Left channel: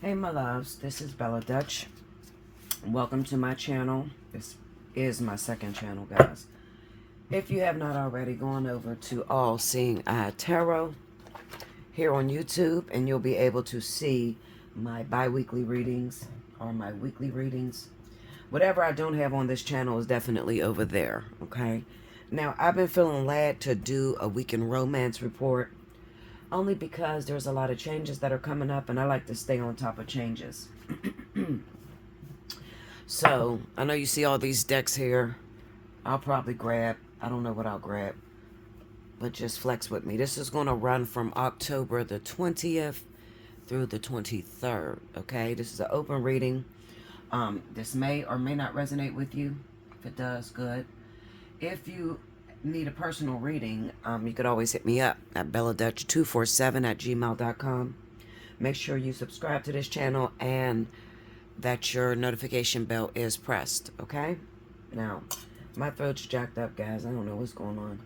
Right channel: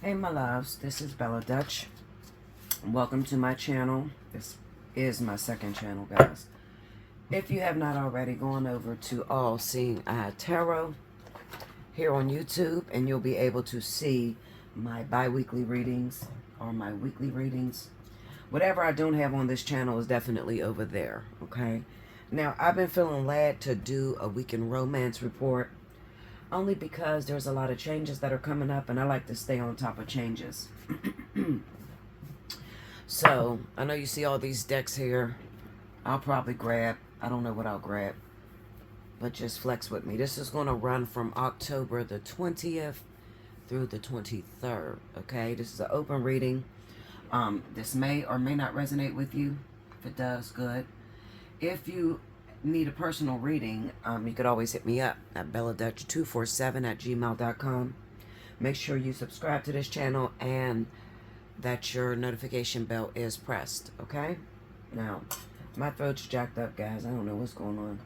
Hey my loves, this is Bella Dutch. Welcome to my channel. This is my second channel, guys. If you have not already, go on over to Allseeingeyetarot here on YouTube, and you'll be able to see my bi-weekly readings or my weekly readings. Whatever I don't have on this channel is definitely over there, okay? Now, I've been feeling led to do a weekend romance report only because there's a lot of changes that are coming up, and I like to stay on top of changes. So, I know you see all these decks here. I'll probably grab, I don't know what I'll grab, but just flex with me. This is going to run from October the 20th through the 23rd, okay? This is an open reading. This may or may not resonate with you. If it does, good. If you need a personal reading, you could always hit me up at belladutch247@gmail.com. Make sure you subscribe to this channel and that your notification bell is pressed, okay? Now, my throat's jacked up, guys. I don't know what's going on.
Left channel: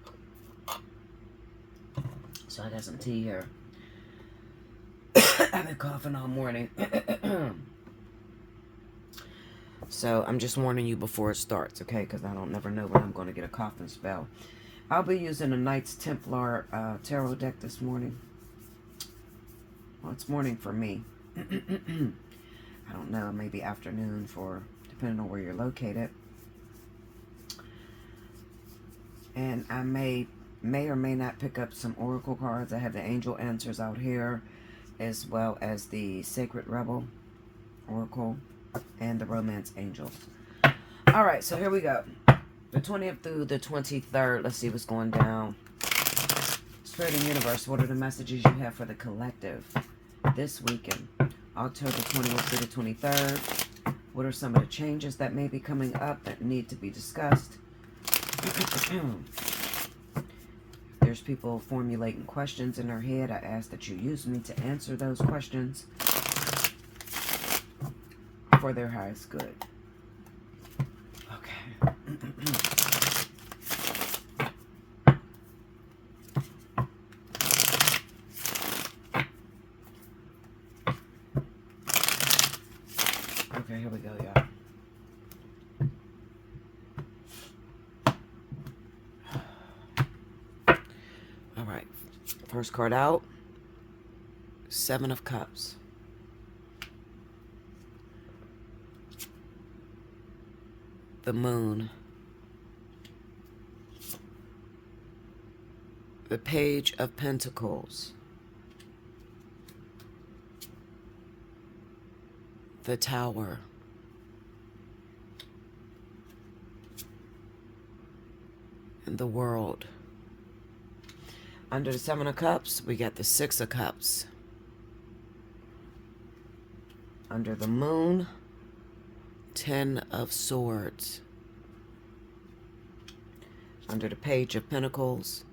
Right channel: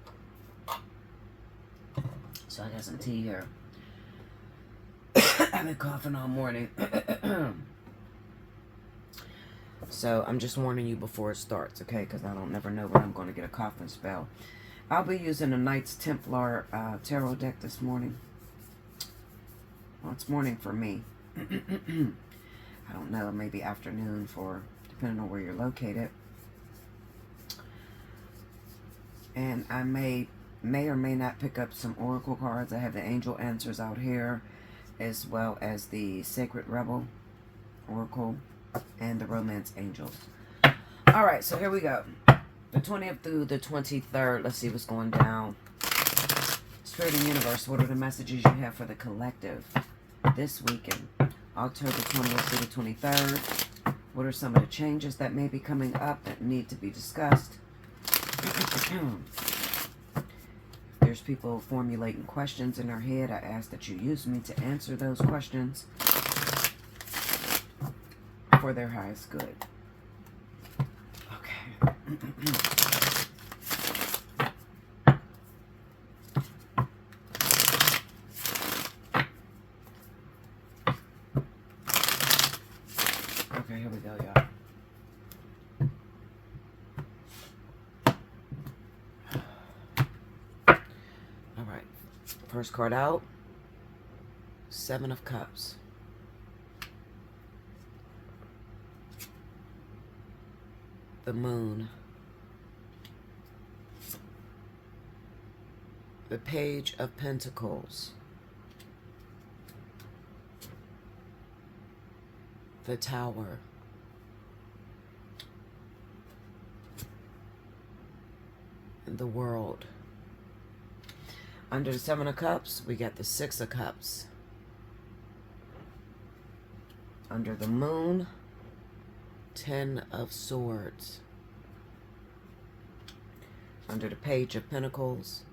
So I got some tea here. I've been coughing all morning. So I'm just warning you before it starts, okay? Because I don't never know when I'm going to get a coughing spell. I'll be using a Knights Templar tarot deck this morning. Well, it's morning for me. I don't know, maybe afternoon for, depending on where you're located. And I may or may not pick up some oracle cards. I have the angel answers out here, as well as the Sacred Rebel oracle and the romance angels. All right, so here we go. The 20th through the 23rd. Let's see what's going down. Spirit and Universe, what are the messages you have for the collective this weekend? October 20th through the 23rd. What are some of the changes that may be coming up that need to be discussed? There's people formulating questions in their head. I ask that you use me to answer those questions for their highest good. Okay. Okay, here we go, y'all. All right. First card out. 7 of Cups. The Moon. The Page of Pentacles. The Tower. And the World. Under the 7 of Cups, we got the 6 of Cups. Under the Moon, 10 of Swords. Under the Page of Pentacles,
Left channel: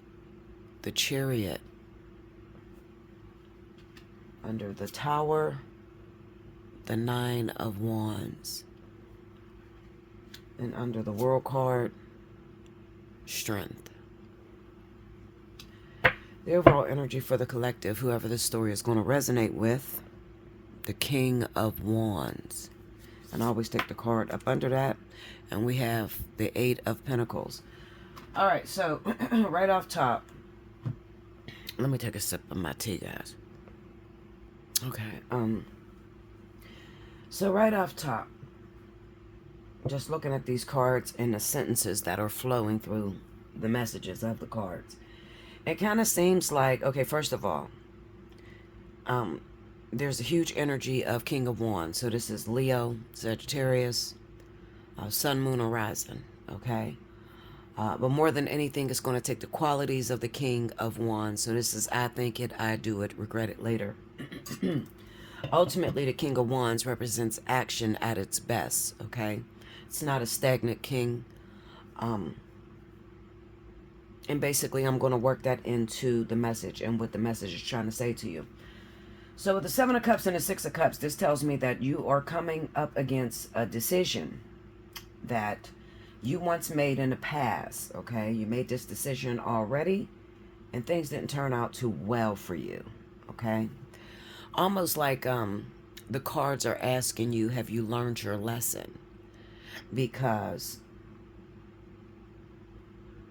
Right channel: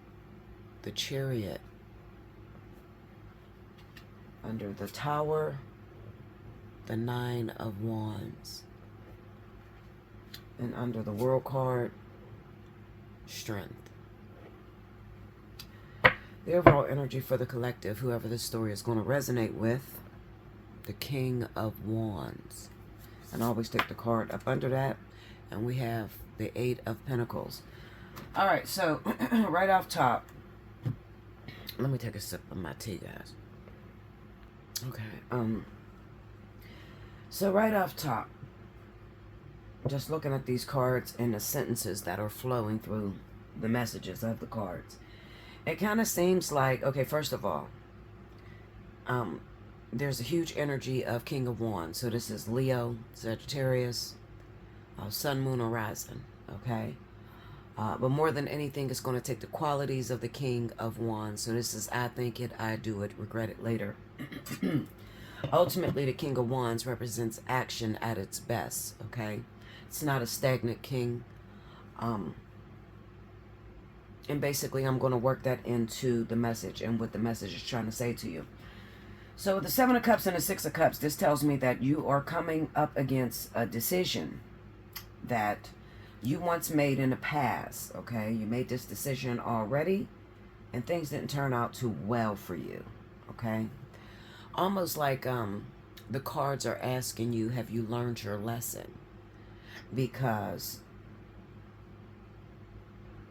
the Chariot. Under the Tower, the 9 of Wands. And under the World card, Strength. The overall energy for the collective, whoever this story is going to resonate with, the King of Wands. And I always take the card up under that. And we have the 8 of Pentacles. All right, so right off top, let me take a sip of my tea, guys. Okay, so right off top, just looking at these cards and the sentences that are flowing through the messages of the cards, it kind of seems like, okay, first of all, there's a huge energy of King of Wands. So this is Leo, Sagittarius, Sun, Moon, Horizon, okay? But more than anything, it's going to take the qualities of the King of Wands. So this is I think it, I do it, regret it later. Ultimately, the King of Wands represents action at its best, okay? It's not a stagnant king. And basically, I'm going to work that into the message and what the message is trying to say to you. So with the 7 of Cups and the 6 of Cups, this tells me that you are coming up against a decision that you once made in the past, okay? You made this decision already, and things didn't turn out too well for you, okay? Almost like the cards are asking you, have you learned your lesson? Because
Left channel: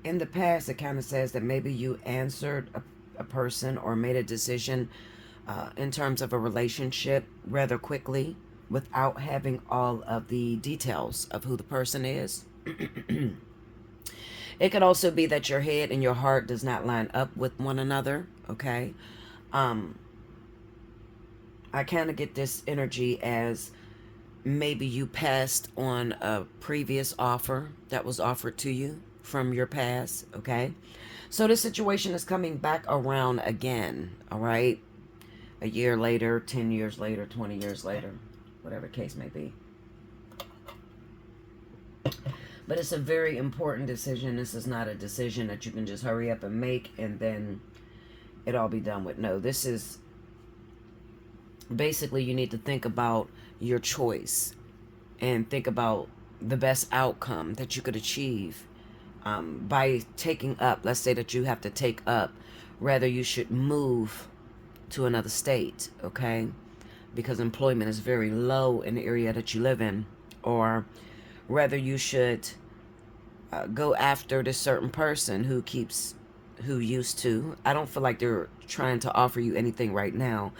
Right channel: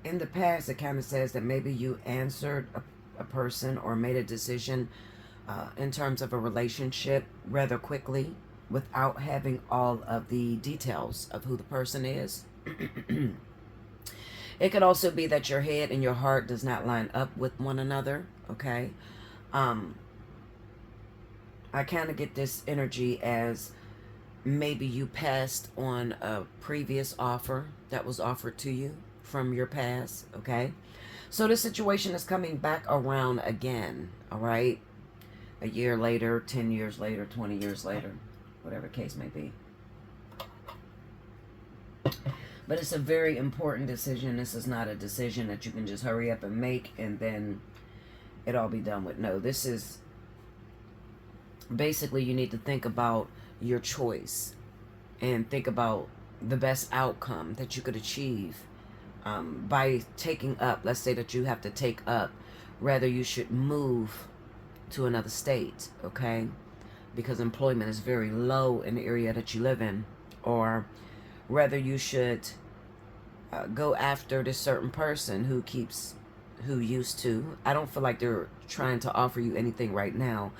in the past, it kind of says that maybe you answered a person or made a decision in terms of a relationship rather quickly without having all of the details of who the person is. It could also be that your head and your heart does not line up with one another, okay? I kind of get this energy as maybe you passed on a previous offer that was offered to you from your past, okay? So this situation is coming back around again, all right? A year later, 10 years later, 20 years later, whatever the case may be. But it's a very important decision. This is not a decision that you can just hurry up and make and then it all be done with. No, this is basically you need to think about your choice and think about the best outcome that you could achieve by taking up. Let's say that you have to take up, rather you should move to another state, okay? Because employment is very low in the area that you live in, or whether you should go after this certain person who used to. I don't feel like they're trying to offer you anything right now.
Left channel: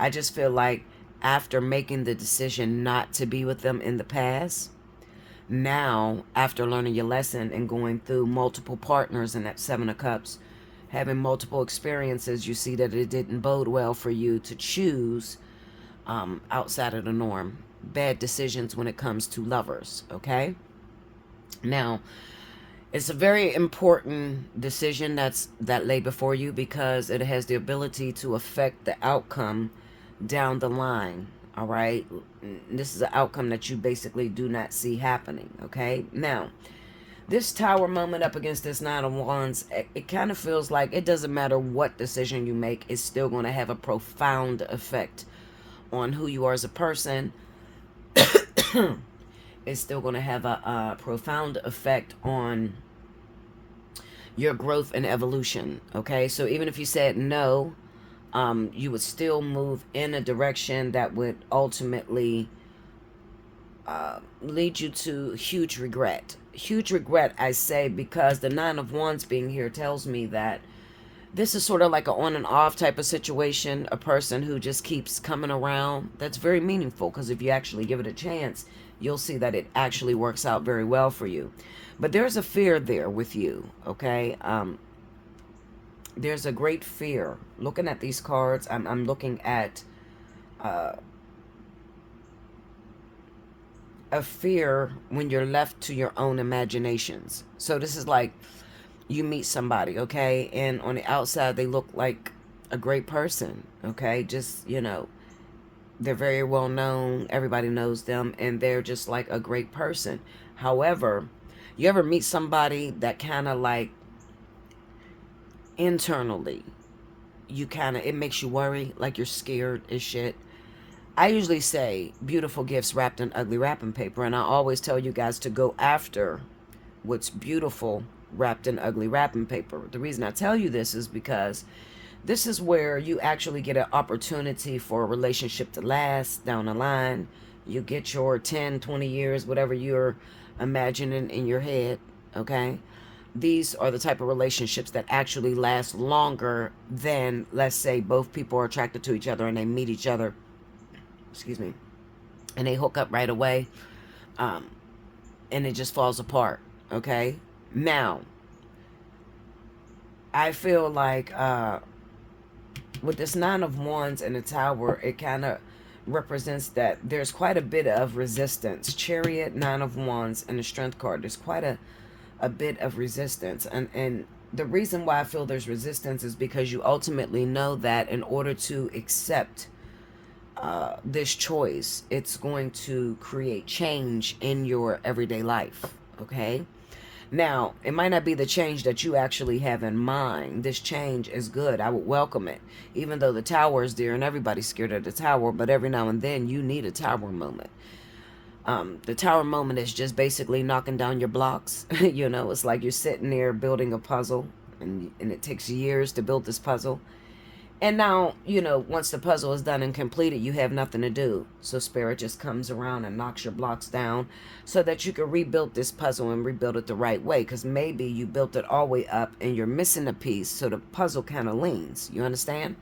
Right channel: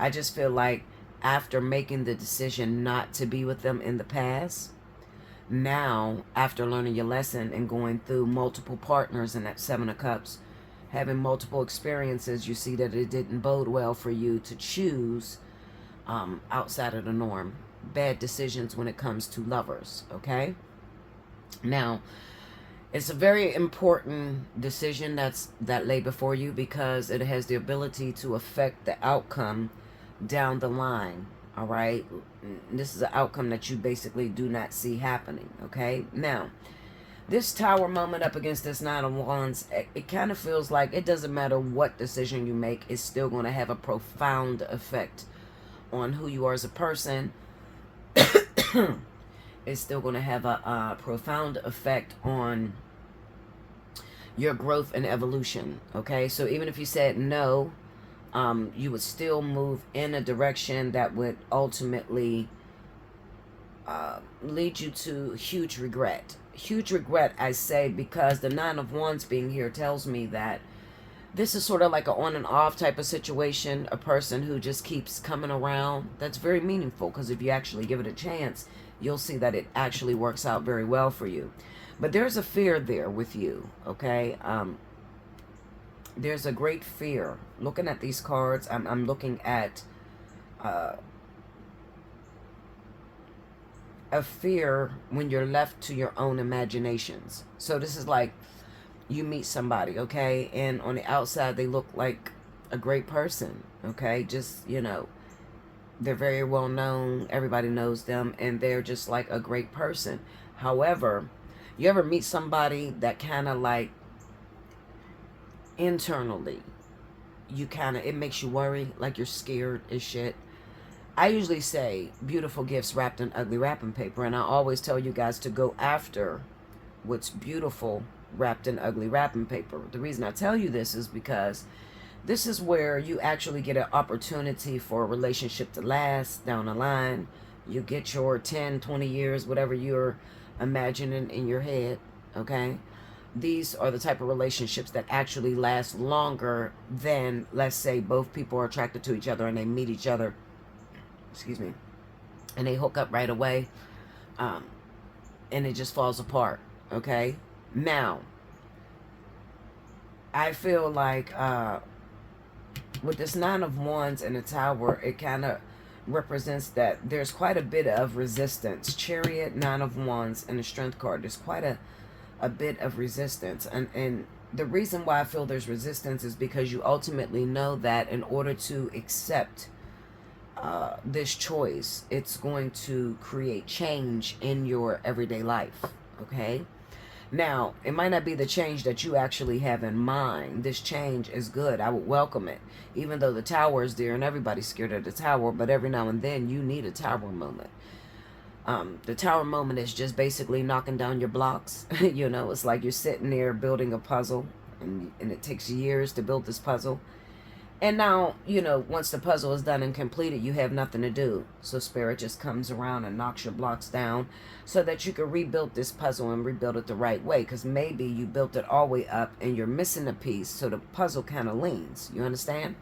I just feel like after making the decision not to be with them in the past, now after learning your lesson and going through multiple partners in that Seven of Cups, having multiple experiences, you see that it didn't bode well for you to choose outside of the norm. Bad decisions when it comes to lovers, okay? Now, it's a very important decision that lay before you because it has the ability to affect the outcome down the line, all right? This is an outcome that you basically do not see happening, okay? Now, this Tower moment up against this Nine of Wands, it kind of feels like it doesn't matter what decision you make, it's still going to have a profound effect on who you are as a person. It's still going to have a profound effect on your growth and evolution, okay? So even if you said no, you would still move in a direction that would ultimately lead you to huge regret. Huge regret, I say, because the Nine of Wands being here tells me that this is sort of like an on and off type of situation, a person who just keeps coming around. That's very meaningful because if you actually give it a chance, you'll see that it actually works out very well for you. But there's a fear there with you, okay? There's a great fear. Looking at these cards, I'm looking at a fear when you're left to your own imaginations. So this is like you meet somebody, okay? And on the outside, they look like a great person, okay? Just, you know, they're very well known. Everybody knows them. And they're just like a great person. However, you ever meet somebody that kind of like internally, you kind of, it makes you worry, like you're scared as shit. I usually say beautiful gifts wrapped in ugly wrapping paper. And I always tell you guys to go after what's beautiful wrapped in ugly wrapping paper. The reason I tell you this is because this is where you actually get an opportunity for a relationship to last down the line. You get your 10, 20 years, whatever you're imagining in your head, okay? These are the type of relationships that actually last longer than, let's say, both people are attracted to each other and they meet each other, excuse me, and they hook up right away, and it just falls apart, okay? Now, I feel like with this Nine of Wands and the Tower, it kind of represents that there's quite a bit of resistance. Chariot, Nine of Wands, and the Strength card. There's quite a bit of resistance. And the reason why I feel there's resistance is because you ultimately know that in order to accept this choice, it's going to create change in your everyday life, okay? Now, it might not be the change that you actually have in mind. This change is good. I would welcome it. Even though the Tower is there and everybody's scared of the Tower, but every now and then you need a Tower moment. The Tower moment is just basically knocking down your blocks. You know, it's like you're sitting there building a puzzle, and it takes years to build this puzzle. And now, you know, once the puzzle is done and completed, you have nothing to do. So Spirit just comes around and knocks your blocks down so that you can rebuild this puzzle and rebuild it the right way. Because maybe you built it all the way up and you're missing a piece, so the puzzle kind of leans. You understand?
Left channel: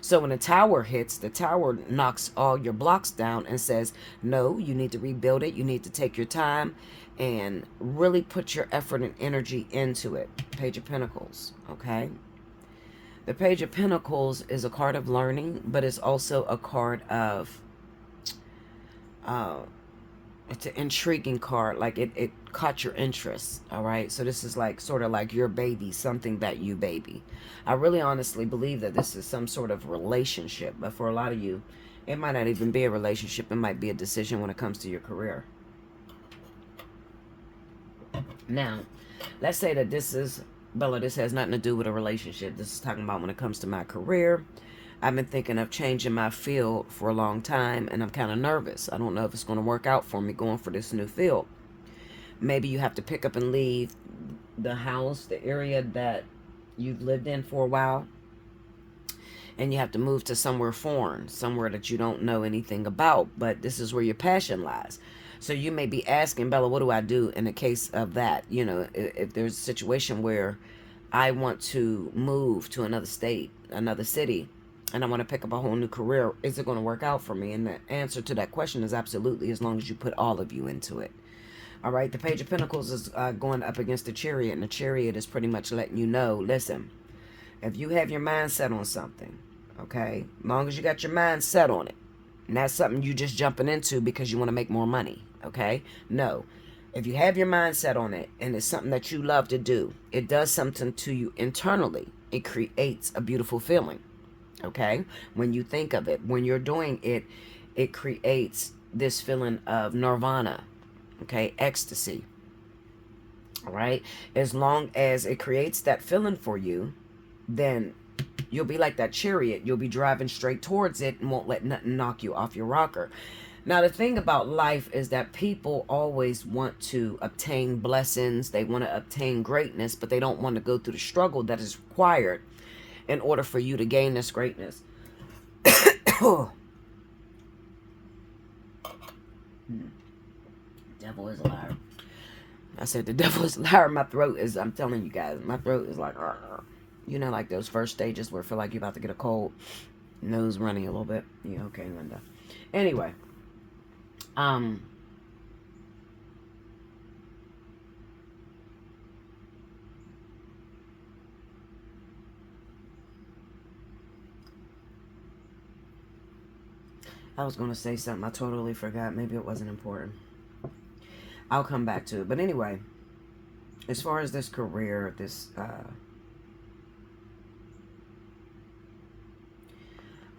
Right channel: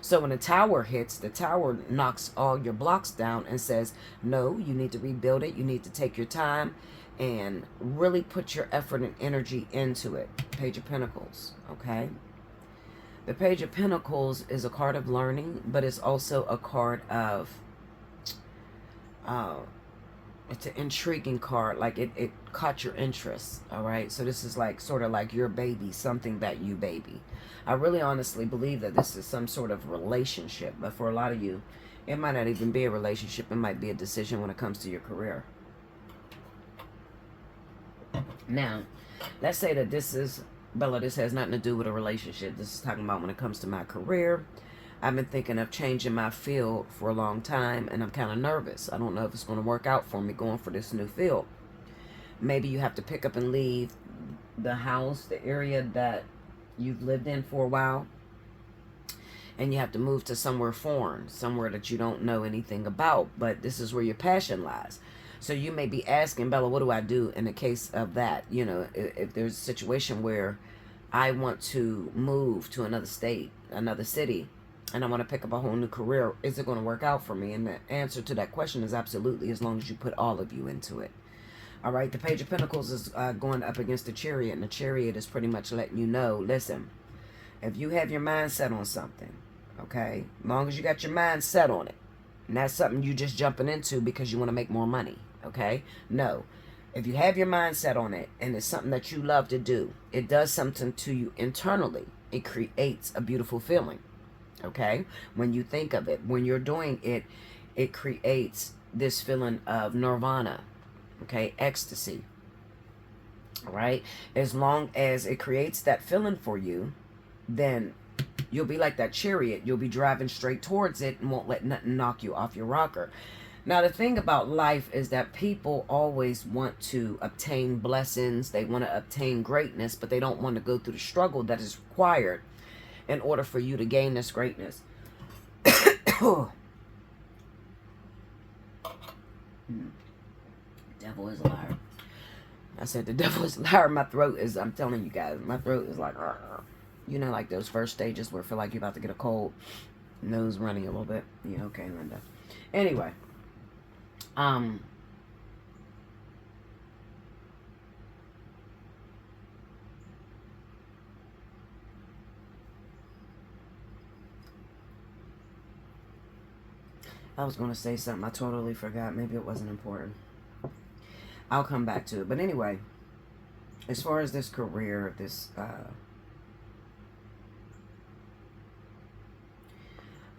So when the tower hits, the tower knocks all your blocks down and says, no, you need to rebuild it. You need to take your time and really put your effort and energy into it. Page of Pentacles, okay? The Page of Pentacles is a card of learning, but it's also a card of, it's an intriguing card. Like it caught your interest, all right? So this is like sort of like your baby, something that you baby. I really honestly believe that this is some sort of relationship, but for a lot of you, it might not even be a relationship. It might be a decision when it comes to your career. Now, let's say that this is, Bella, this has nothing to do with a relationship. This is talking about when it comes to my career. I've been thinking of changing my field for a long time, and I'm kind of nervous. I don't know if it's going to work out for me going for this new field. Maybe you have to pick up and leave the house, the area that you've lived in for a while, and you have to move to somewhere foreign, somewhere that you don't know anything about, but this is where your passion lies. So you may be asking, Bella, what do I do in the case of that? You know, if there's a situation where I want to move to another state, another city, and I want to pick up a whole new career, is it going to work out for me? And the answer to that question is absolutely, as long as you put all of you into it. All right, the Page of Pentacles is going up against the Chariot, and the Chariot is pretty much letting you know, listen, if you have your mind set on something, okay, as long as you got your mind set on it, and that's something you just jumping into because you want to make more money, okay? No. If you have your mind set on it and it's something that you love to do, it does something to you internally. It creates a beautiful feeling, okay? When you think of it, when you're doing it, it creates this feeling of nirvana, okay? Ecstasy, all right? As long as it creates that feeling for you, then you'll be like that Chariot. You'll be driving straight towards it and won't let nothing knock you off your rocker. Now, the thing about life is that people always want to obtain blessings. They want to obtain greatness, but they don't want to go through the struggle that is required in order for you to gain this greatness. Devil is a liar. I said the devil is a liar. My throat is, I'm telling you guys, my throat is like, you know, like those first stages where I feel like you're about to get a cold, nose running a little bit. Yeah, okay, Linda. Anyway, I was going to say something. I totally forgot. Maybe it wasn't important. I'll come back to it. But anyway, as far as this career, this,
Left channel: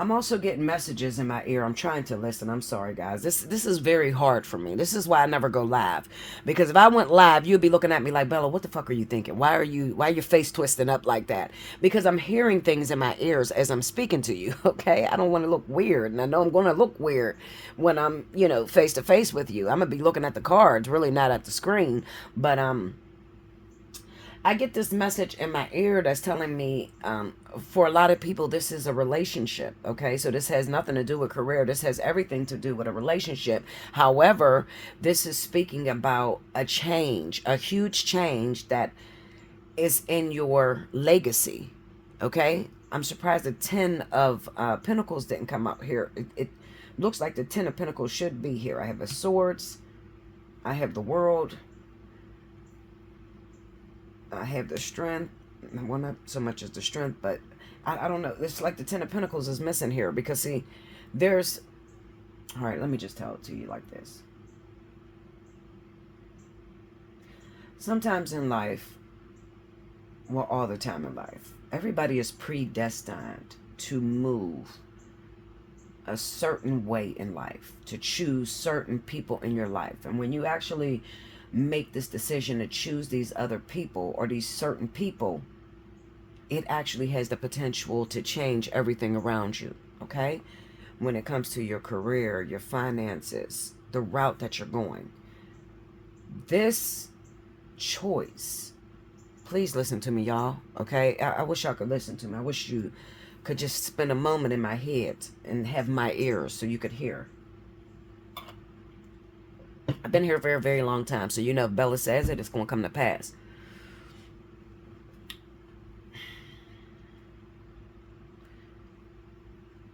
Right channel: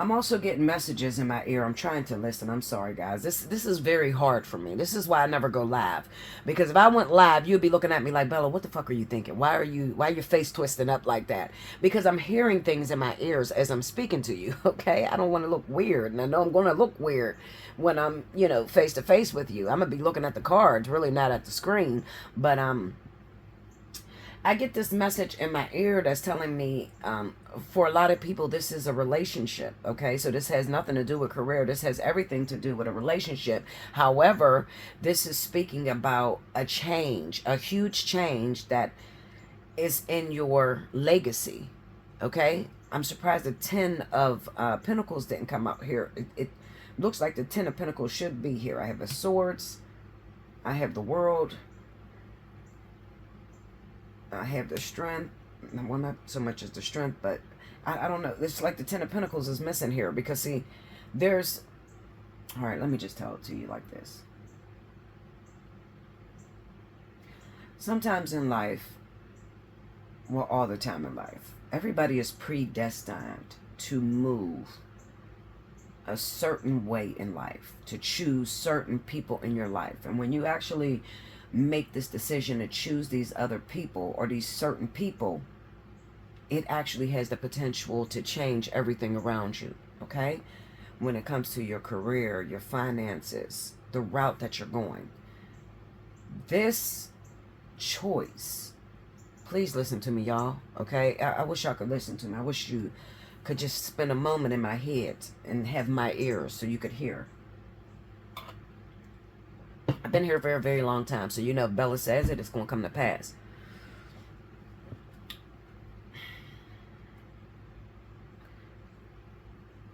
I'm also getting messages in my ear. I'm trying to listen. I'm sorry, guys. This is very hard for me. This is why I never go live. Because if I went live, you'd be looking at me like, Bella, what the fuck are you thinking? Why are your face twisting up like that? Because I'm hearing things in my ears as I'm speaking to you, okay? I don't want to look weird. And I know I'm going to look weird when I'm, you know, face to face with you. I'm going to be looking at the cards, really not at the screen. But, I get this message in my ear that's telling me, for a lot of people, this is a relationship, okay? So this has nothing to do with career. This has everything to do with a relationship. However, this is speaking about a change, a huge change that is in your legacy, okay? I'm surprised the 10 of Pentacles didn't come up here. It looks like the 10 of Pentacles should be here. I have the Swords. I have the World. I have the Strength. Well, not so much as the Strength, but I don't know. It's like the 10 of Pentacles is missing here because, see, there's... All right, let me just tell it to you like this. Sometimes in life, well, all the time in life, everybody is predestined to move a certain way in life, to choose certain people in your life. And when you actually make this decision to choose these other people or these certain people, it actually has the potential to change everything around you, okay? When it comes to your career, your finances, the route that you're going. This choice, please listen to me, y'all, okay? I wish y'all could listen to me. I wish you could just spend a moment in my head and have my ears so you could hear. I've been here for a very long time, so you know if Bella says it, it's going to come to pass.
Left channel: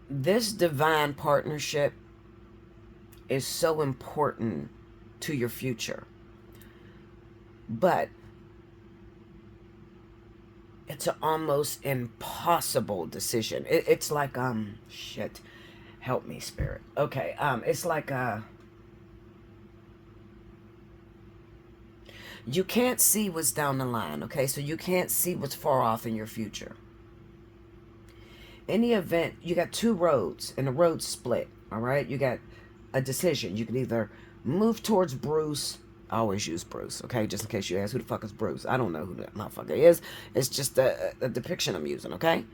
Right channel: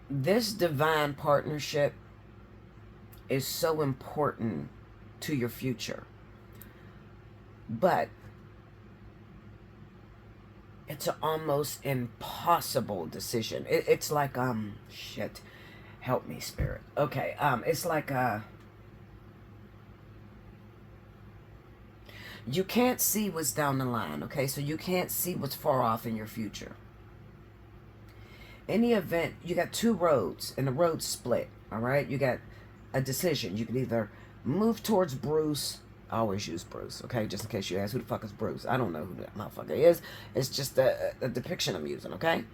This divine partnership is so important to your future. But it's an almost impossible decision. It's like, shit. Help me, Spirit. Okay, it's like, you can't see what's down the line, okay? So you can't see what's far off in your future. Any event, you got two roads, and the roads split, all right? You got a decision. You can either move towards Bruce. I always use Bruce, okay? Just in case you ask who the fuck is Bruce. I don't know who that motherfucker is. It's just a depiction I'm using, okay?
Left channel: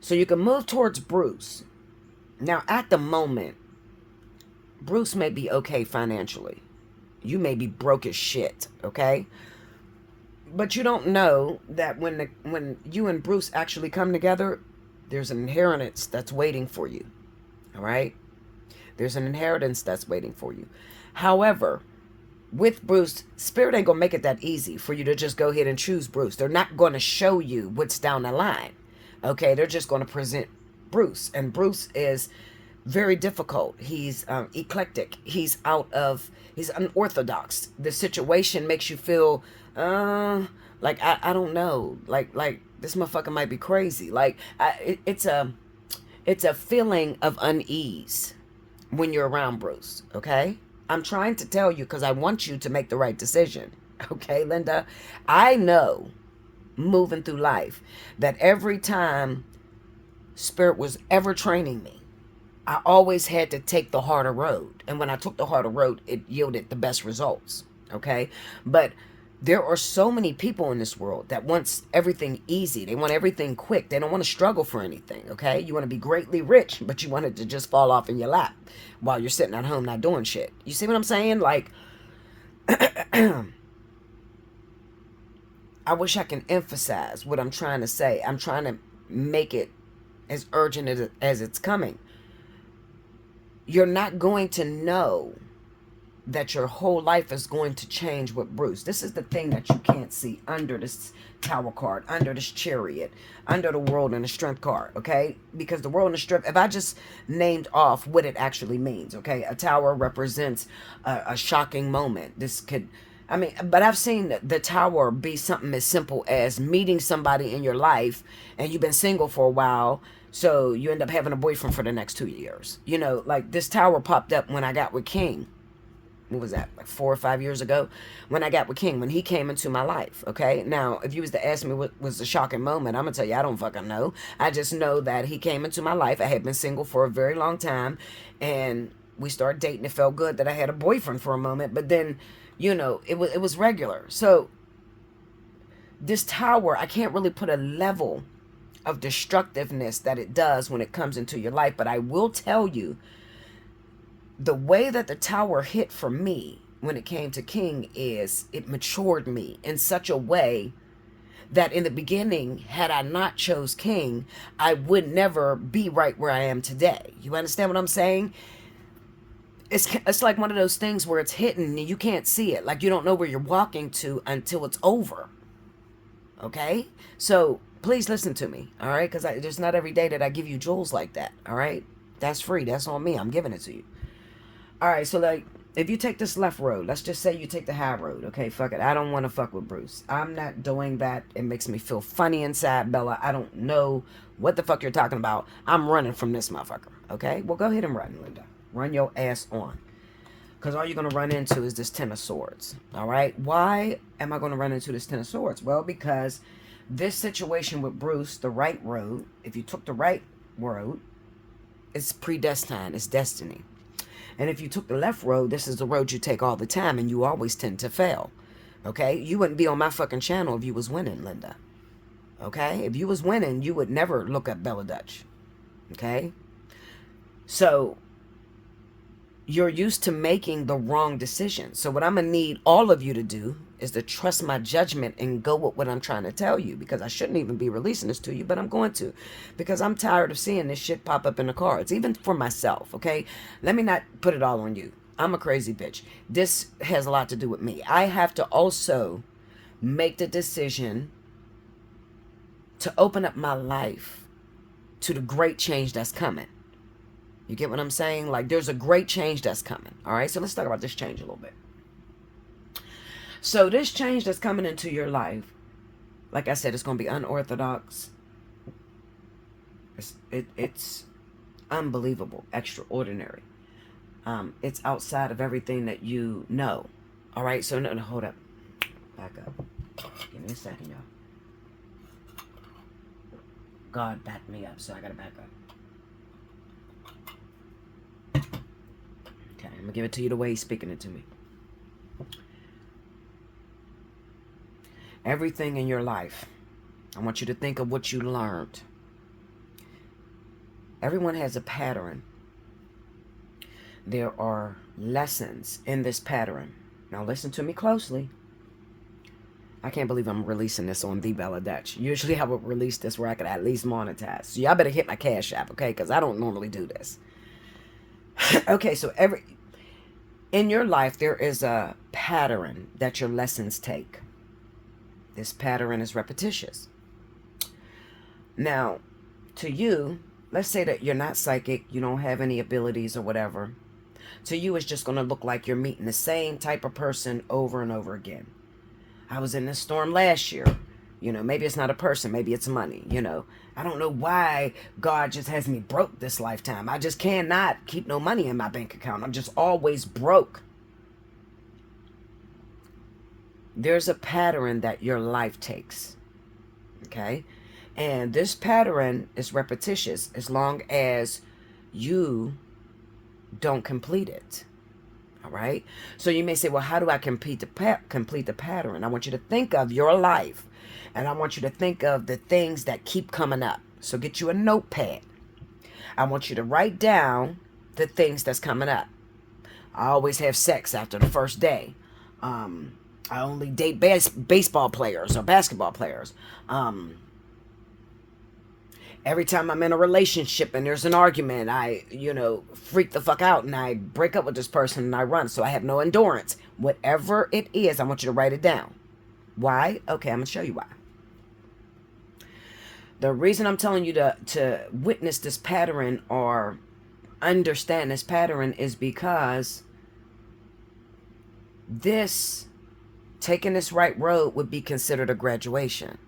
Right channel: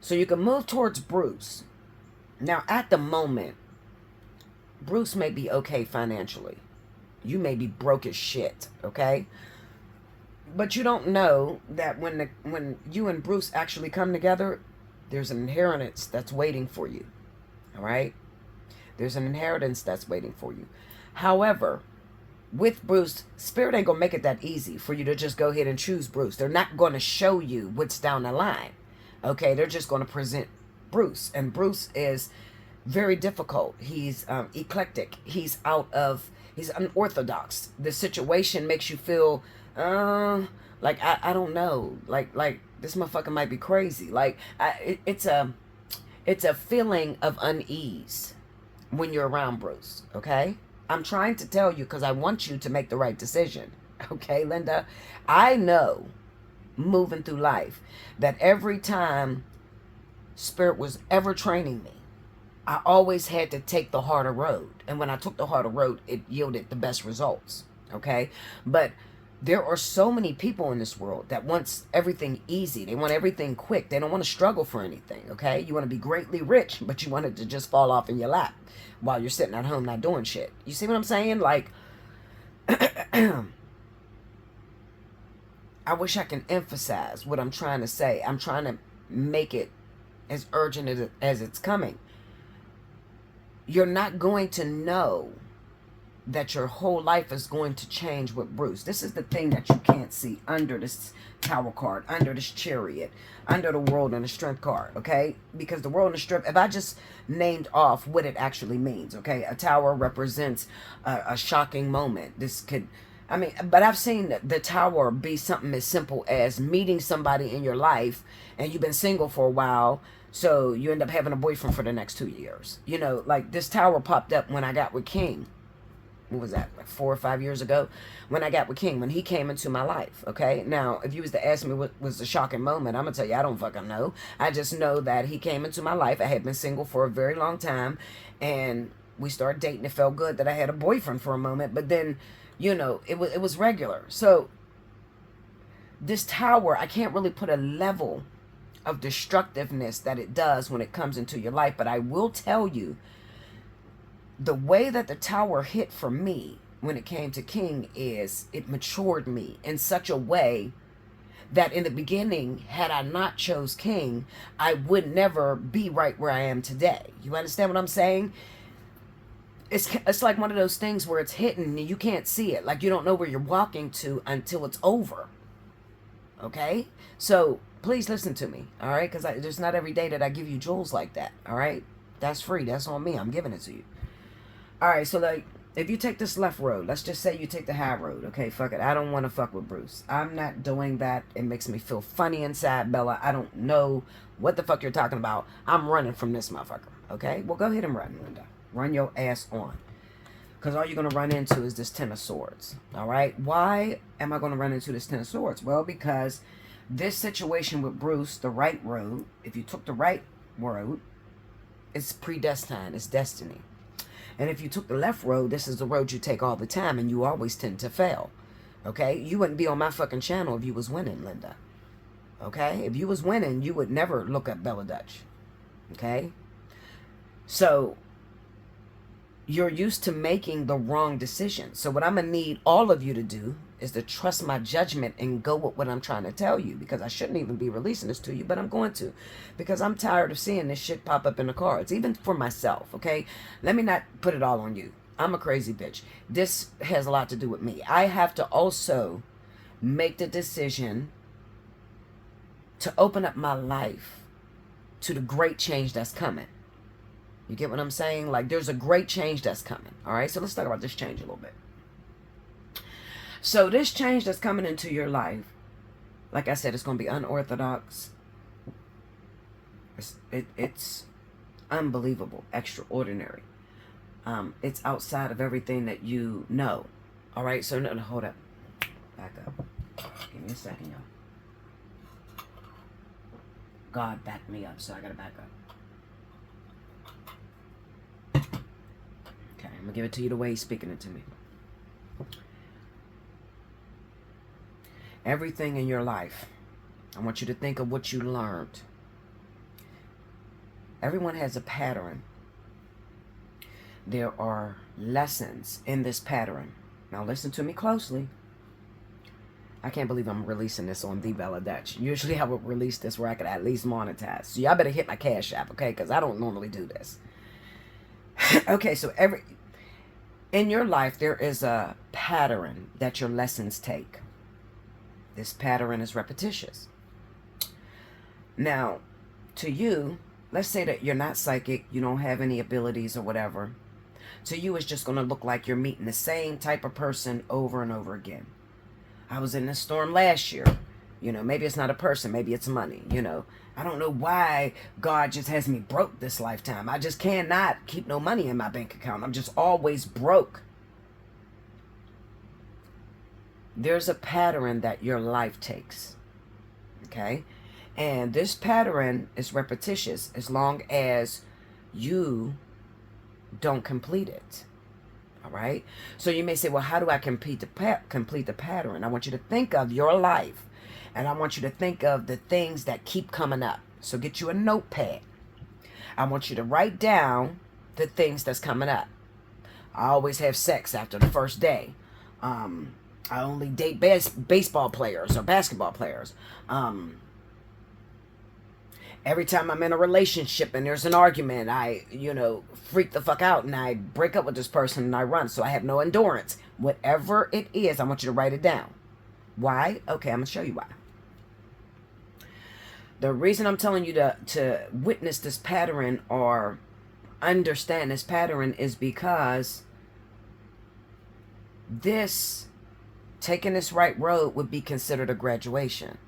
So you can move towards Bruce. Now, at the moment, Bruce may be okay financially. You may be broke as shit, okay? But you don't know that when you and Bruce actually come together, there's an inheritance that's waiting for you, all right? There's an inheritance that's waiting for you. However, with Bruce, Spirit ain't gonna make it that easy for you to just go ahead and choose Bruce. They're not gonna show you what's down the line, okay? They're just gonna present Bruce, and Bruce is very difficult. He's eclectic. He's unorthodox. The situation makes you feel like I don't know, like this motherfucker might be crazy. Like it's a feeling of unease when you're around Bruce, okay? I'm trying to tell you because I want you to make the right decision, okay, Linda? I know moving through life that every time Spirit was ever training me, I always had to take the harder road. And when I took the harder road, it yielded the best results, okay? But there are so many people in this world that wants everything easy. They want everything quick. They don't want to struggle for anything, okay? You want to be greatly rich, but you want it to just fall off in your lap while you're sitting at home not doing shit. You see what I'm saying? Like, I wish I can emphasize what I'm trying to say. I'm trying to make it as urgent as it's coming. You're not going to know that your whole life is going to change with Bruce. This is the thing that you can't see under this Tower card, under this Chariot, under the World and the Strength card, okay? Because the World and the Strength, if I just named off what it actually means, okay? A Tower represents a shocking moment. This could, I mean, but I've seen the Tower be something as simple as meeting somebody in your life and you've been single for a while, so you end up having a boyfriend for the next 2 years. You know, like this Tower popped up when I got with King. What was that, like 4 or 5 years ago, when I got with King, when he came into my life, okay? Now, if you was to ask me what was the shocking moment, I'm going to tell you, I don't fucking know. I just know that he came into my life. I had been single for a very long time, and we started dating. It felt good that I had a boyfriend for a moment, but then, you know, it was regular. So, this Tower, I can't really put a level of destructiveness that it does when it comes into your life, but I will tell you, the way that the Tower hit for me when it came to King is it matured me in such a way that in the beginning, had I not chose King, I would never be right where I am today. You understand what I'm saying? It's like one of those things where it's hidden and you can't see it. Like you don't know where you're walking to until it's over. Okay? So please listen to me, all right? Because there's not every day that I give you jewels like that, all right? That's free. That's on me. I'm giving it to you. All right, so like, if you take this left road, let's just say you take the high road. Okay, fuck it. I don't want to fuck with Bruce. I'm not doing that. It makes me feel funny inside, Bella. I don't know what the fuck you're talking about. I'm running from this motherfucker. Okay, well, go ahead and run, Linda. Run your ass on. Because all you're going to run into is this Ten of Swords. All right, why am I going to run into this Ten of Swords? Well, because this situation with Bruce, the right road, if you took the right road, it's predestined. It's destiny. And if you took the left road, this is the road you take all the time, and you always tend to fail. Okay? You wouldn't be on my fucking channel if you was winning, Linda. Okay? If you was winning, you would never look up Bella Dutch. Okay? So, you're used to making the wrong decision. So what I'm going to need all of you to do, is to trust my judgment and go with what I'm trying to tell you, because I shouldn't even be releasing this to you, but I'm going to, because I'm tired of seeing this shit pop up in the cards, even for myself, okay? Let me not put it all on you. I'm a crazy bitch. This has a lot to do with me. I have to also make the decision to open up my life to the great change that's coming. You get what I'm saying? Like, there's a great change that's coming. All right, so let's talk about this change a little bit. So this change that's coming into your life, like I said, it's going to be unorthodox. It's unbelievable, extraordinary. It's outside of everything that you know. All right, so no, hold up. Back up. Give me a second, y'all. God backed me up, so I got to back up. Okay, I'm going to give it to you the way he's speaking it to me. Everything in your life, I want you to think of what you learned. Everyone has a pattern. There are lessons in this pattern. Now listen to me closely. I can't believe I'm releasing this on the Bella Dutch. Usually I would release this where I could at least monetize. So y'all better hit my Cash App, okay? Because I don't normally do this. Okay, so in your life, there is a pattern that your lessons take. This pattern is repetitious. Now, to you, let's say that you're not psychic, you don't have any abilities or whatever. To you, it's just going to look like you're meeting the same type of person over and over again. I was in this storm last year. You know, maybe it's not a person, maybe it's money, you know. I don't know why God just has me broke this lifetime. I just cannot keep no money in my bank account. I'm just always broke. There's a pattern that your life takes, okay? And this pattern is repetitious as long as you don't complete it, all right? So you may say, well, how do I complete the pattern? I want you to think of your life, and I want you to think of the things that keep coming up. So get you a notepad. I want you to write down the things that's coming up. I always have sex after the first day. I only date baseball players or basketball players. Every time I'm in a relationship and there's an argument, I, freak the fuck out and I break up with this person and I run. So I have no endurance. Whatever it is, I want you to write it down. Why? Okay, I'm going to show you why. The reason I'm telling you to witness this pattern or understand this pattern is because taking this right road would be considered a graduation.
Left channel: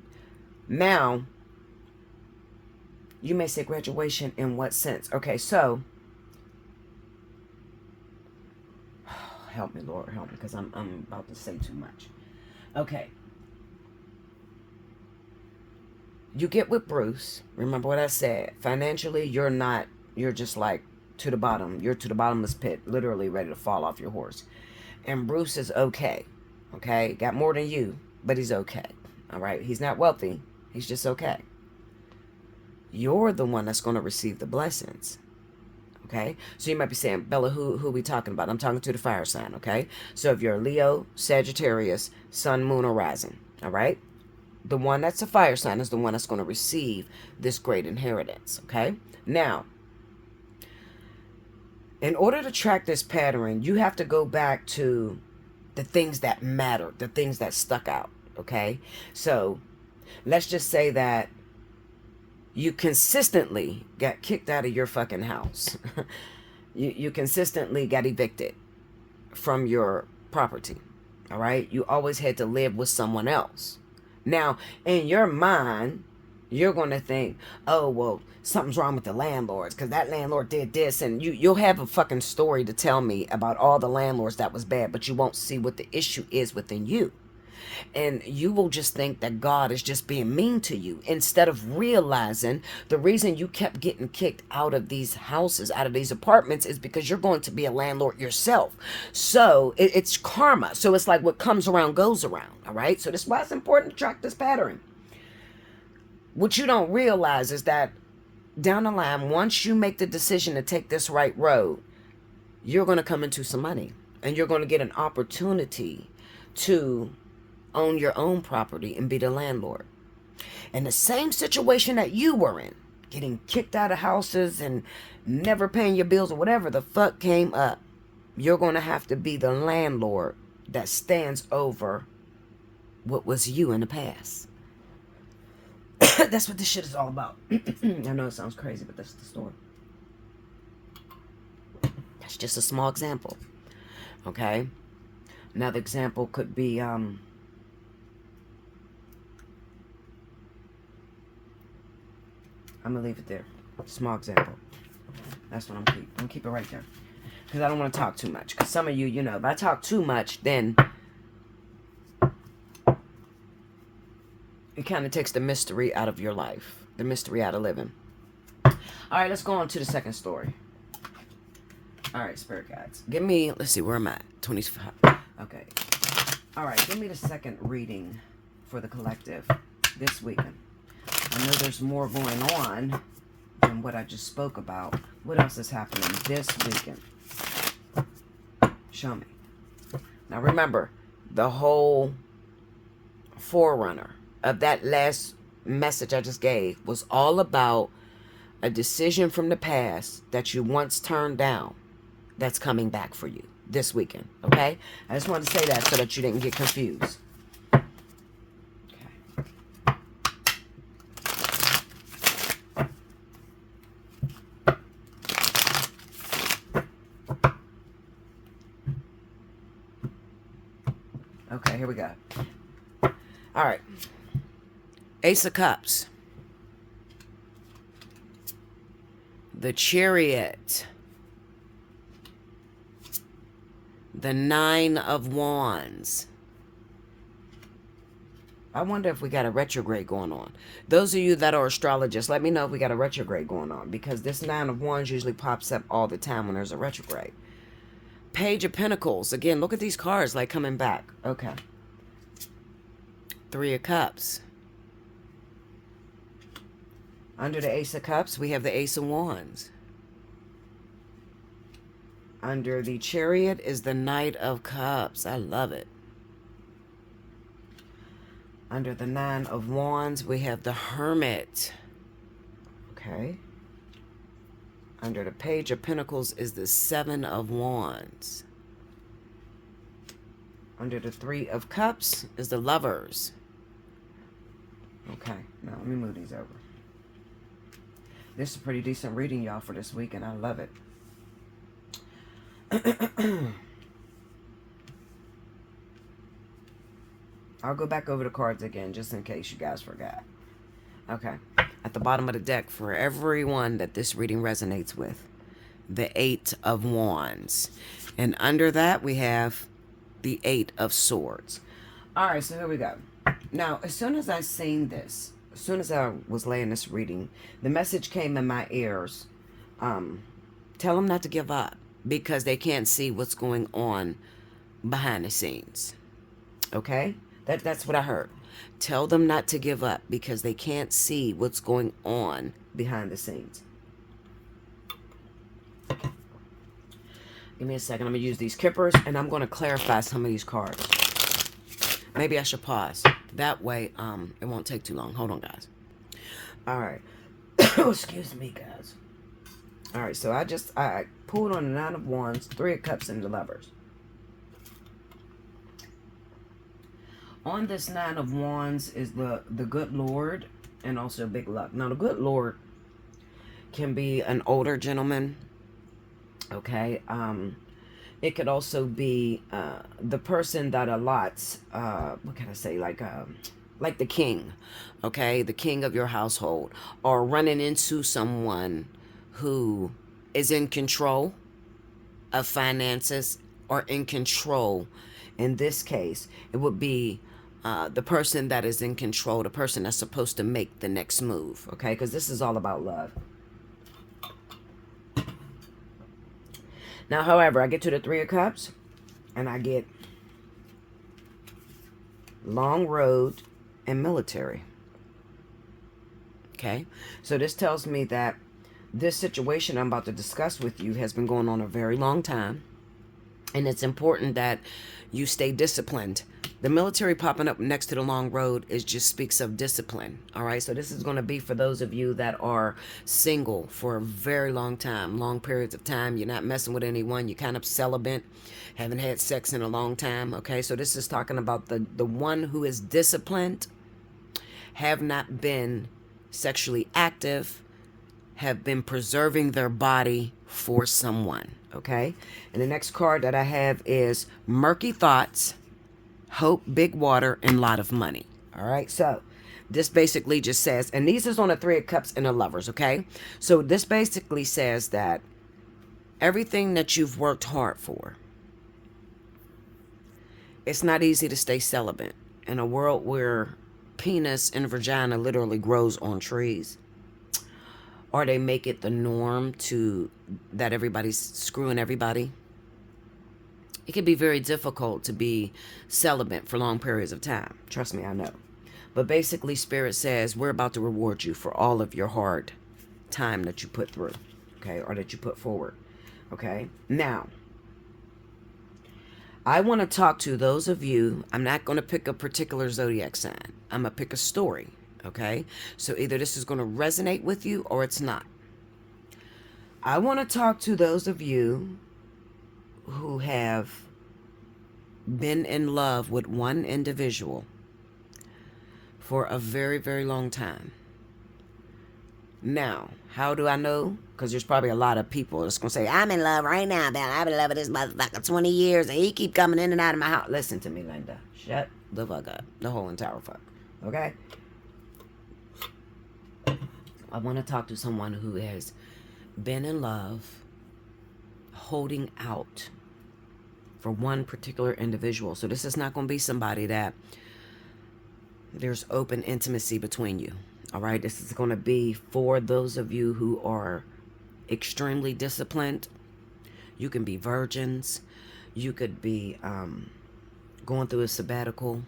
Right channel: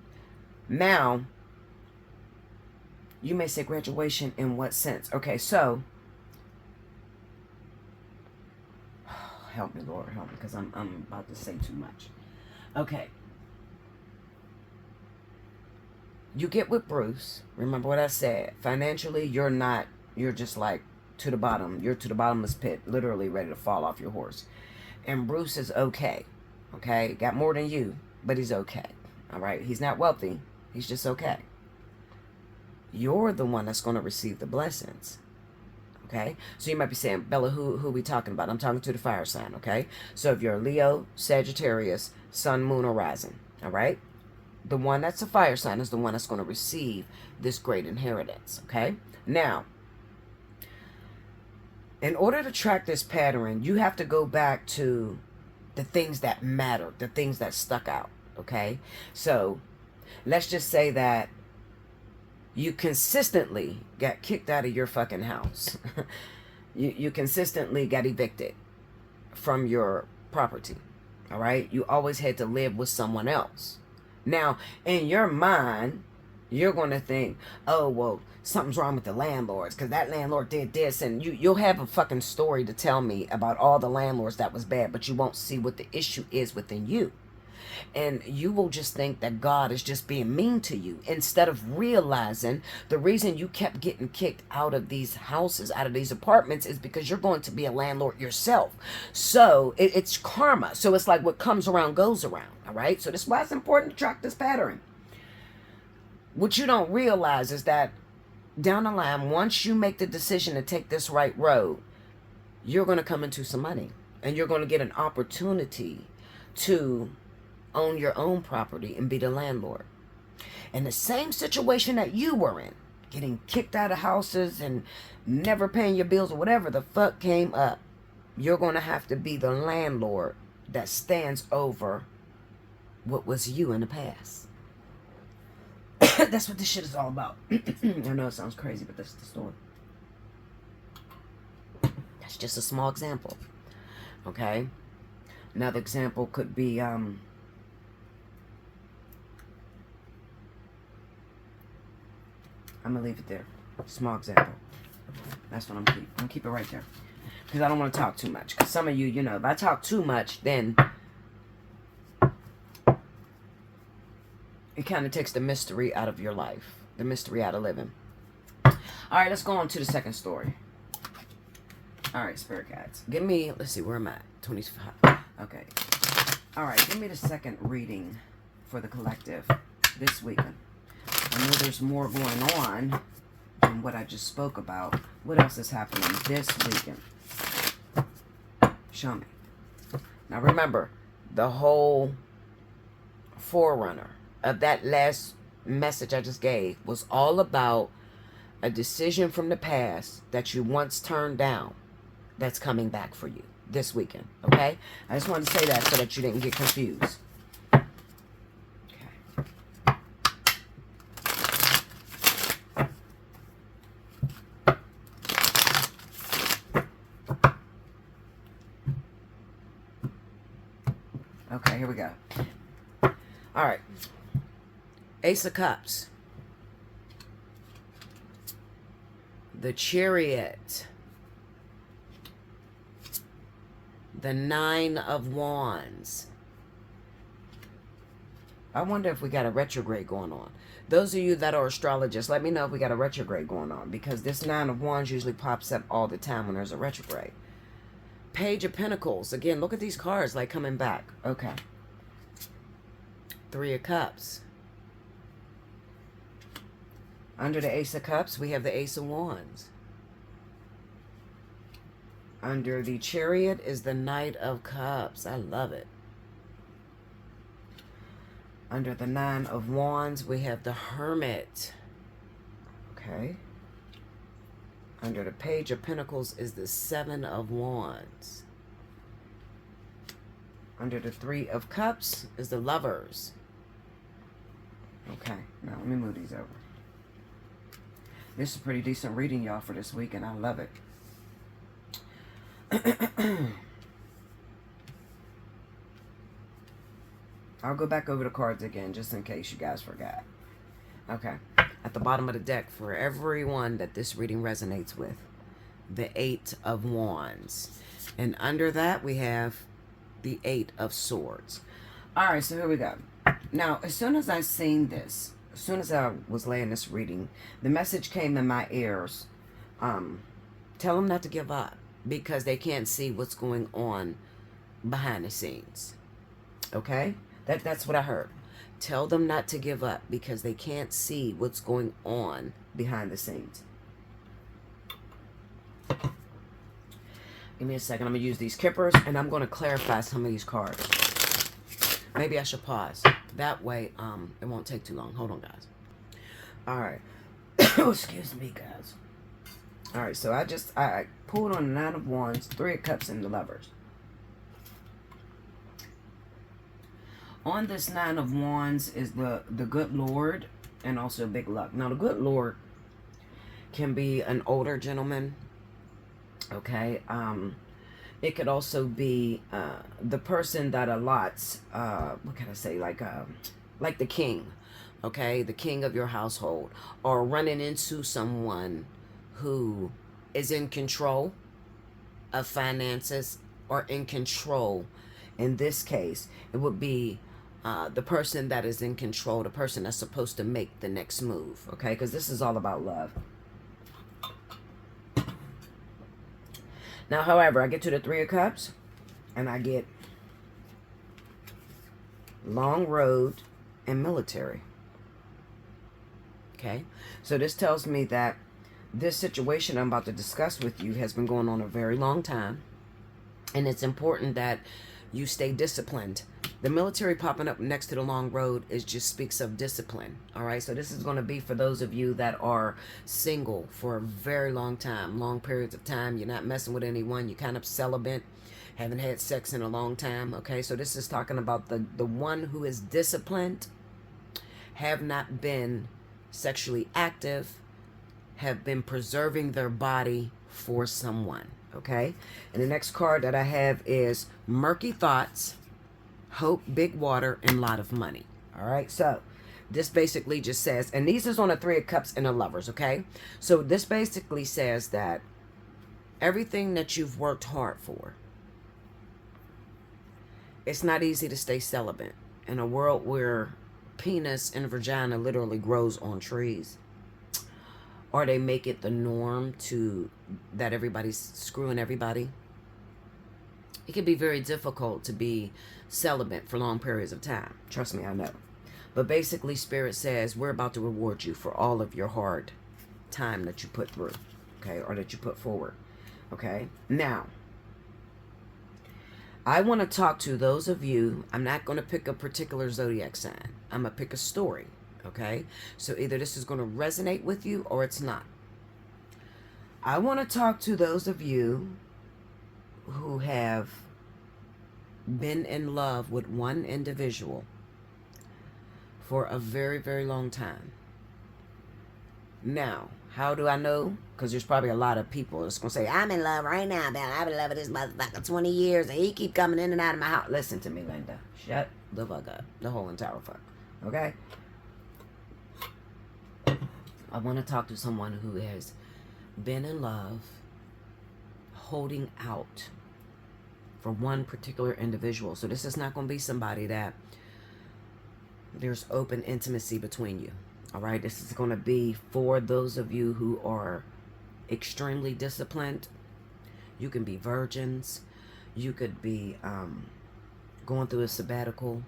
Now, you may say graduation in what sense? Okay, so, help me, Lord, help me, because I'm about to say too much. Okay. You get with Bruce. Remember what I said. Financially, you're just like to the bottom. You're to the bottomless pit, literally ready to fall off your horse. And Bruce is okay. Okay? Got more than you, but he's okay. All right? He's not wealthy. He's just okay. You're the one that's going to receive the blessings. Okay? So you might be saying, Bella, who are we talking about? I'm talking to the fire sign, okay? So if you're Leo, Sagittarius, Sun, Moon, or Rising, all right? The one that's a fire sign is the one that's going to receive this great inheritance, okay? Now, in order to track this pattern, you have to go back to the things that matter, the things that stuck out, okay? So let's just say that you consistently got kicked out of your fucking house. you consistently got evicted from your property, all right? You always had to live with someone else. Now, in your mind, you're going to think, oh, well, something's wrong with the landlords because that landlord did this. And you'll have a fucking story to tell me about all the landlords that was bad, but you won't see what the issue is within you. And you will just think that God is just being mean to you instead of realizing the reason you kept getting kicked out of these houses, out of these apartments, is because you're going to be a landlord yourself. So it's karma. So it's like what comes around goes around. All right. So that's why it's important to track this pattern. What you don't realize is that down the line, once you make the decision to take this right road, you're going to come into some money and you're going to get an opportunity to own your own property and be the landlord. And the same situation that you were in, getting kicked out of houses and never paying your bills or whatever the fuck came up, you're going to have to be the landlord that stands over what was you in the past. That's what this shit is all about. I know it sounds crazy, but that's the story. That's just a small example. Okay? Another example could be, I'm going to leave it there. Small example. That's what I'm going to keep it right there. Because I don't want to talk too much. Because some of you, you know, if I talk too much, then it kind of takes the mystery out of your life. The mystery out of living. All right, let's go on to the second story. All right, spirit guides. Give me, let's see, where am I at? 25. Okay. All right, give me the second reading for the collective this weekend. I know there's more going on than what I just spoke about. What else is happening this weekend? Show me. Now remember, the whole forerunner of that last message I just gave was all about a decision from the past that you once turned down that's coming back for you this weekend, okay? I just wanted to say that so that you didn't get confused. Okay, here we go. All right. Ace of Cups. The Chariot. The Nine of Wands. I wonder if we got a retrograde going on. Those of you that are astrologists, let me know if we got a retrograde going on. Because this Nine of Wands usually pops up all the time when there's a retrograde. Page of Pentacles. Again, look at these cards like coming back. Okay. Three of Cups. Under the Ace of Cups, we have the Ace of Wands. Under the Chariot is the Knight of Cups. I love it. Under the Nine of Wands, we have the Hermit. Okay. Under the Page of Pentacles is the Seven of Wands. Under the Three of Cups is the Lovers. Okay, now let me move these over. This is a pretty decent reading, y'all, for this week, and I love it. I'll go back over the cards again, just in case you guys forgot. Okay. At the bottom of the deck, for everyone that this reading resonates with, the Eight of Wands. And under that, we have the Eight of Swords. All right, so here we go. Now, as soon as I seen this, as soon as I was laying this reading, the message came in my ears. Tell them not to give up because they can't see what's going on behind the scenes. Okay? That's what I heard. Tell them not to give up because they can't see what's going on behind the scenes. Give me a second. I'm going to use these kippers and I'm going to clarify some of these cards. Maybe I should pause. That way, it won't take too long. Hold on, guys. All right. Excuse me, guys. All right, so I pulled on the Nine of Wands, Three of Cups, and the Lovers. On this Nine of Wands is the Good Lord and also Big Luck. Now, the Good Lord can be an older gentleman, okay? It could also be the person that allots, what can I say, like the king, okay? The king of your household, or running into someone who is in control of finances or in control. In this case, it would be the person that is in control, the person that's supposed to make the next move, okay? Because this is all about love. Now, however, I get to the Three of Cups, and I get long road and military. Okay? So this tells me that this situation I'm about to discuss with you has been going on a very long time. And it's important that you stay disciplined The military popping up next to the long road is just speaks of discipline. All right. So this is going to be for those of you that are single for a very long time, long periods of time. You're not messing with anyone. You're kind of celibate, haven't had sex in a long time. Okay. So this is talking about the one who is disciplined, have not been sexually active, have been preserving their body for someone. Okay. And the next card that I have is Murky Thoughts, Hope, Big Water, and Lot of Money. All right. So this basically just says, and these is on a Three of Cups and a Lovers. Okay. So this basically says that everything that you've worked hard for, it's not easy to stay celibate in a world where penis and vagina literally grows on trees, or they make it the norm to that everybody's screwing everybody. It can be very difficult to be celibate for long periods of time. Trust me, I know. But basically, Spirit says we're about to reward you for all of your hard time that you put through, okay, or that you put forward, okay? Now, I want to talk to those of you. I'm not going to pick a particular zodiac sign. I'm going to pick a story, okay? So either this is going to resonate with you or it's not. I want to talk to those of you who have been in love with one individual for a very, very long time. Now, how do I know? Because there's probably a lot of people that's going to say, I'm in love right now, man. I've been in love with this motherfucker 20 years, and he keep coming in and out of my house. Listen to me, Linda. Shut the fuck up. The whole entire fuck. Okay? I want to talk to someone who has been in love, holding out for one particular individual. So this is not going to be somebody that there's open intimacy between you. All right, this is going to be for those of you who are extremely disciplined. You can be virgins. You could be going through a sabbatical.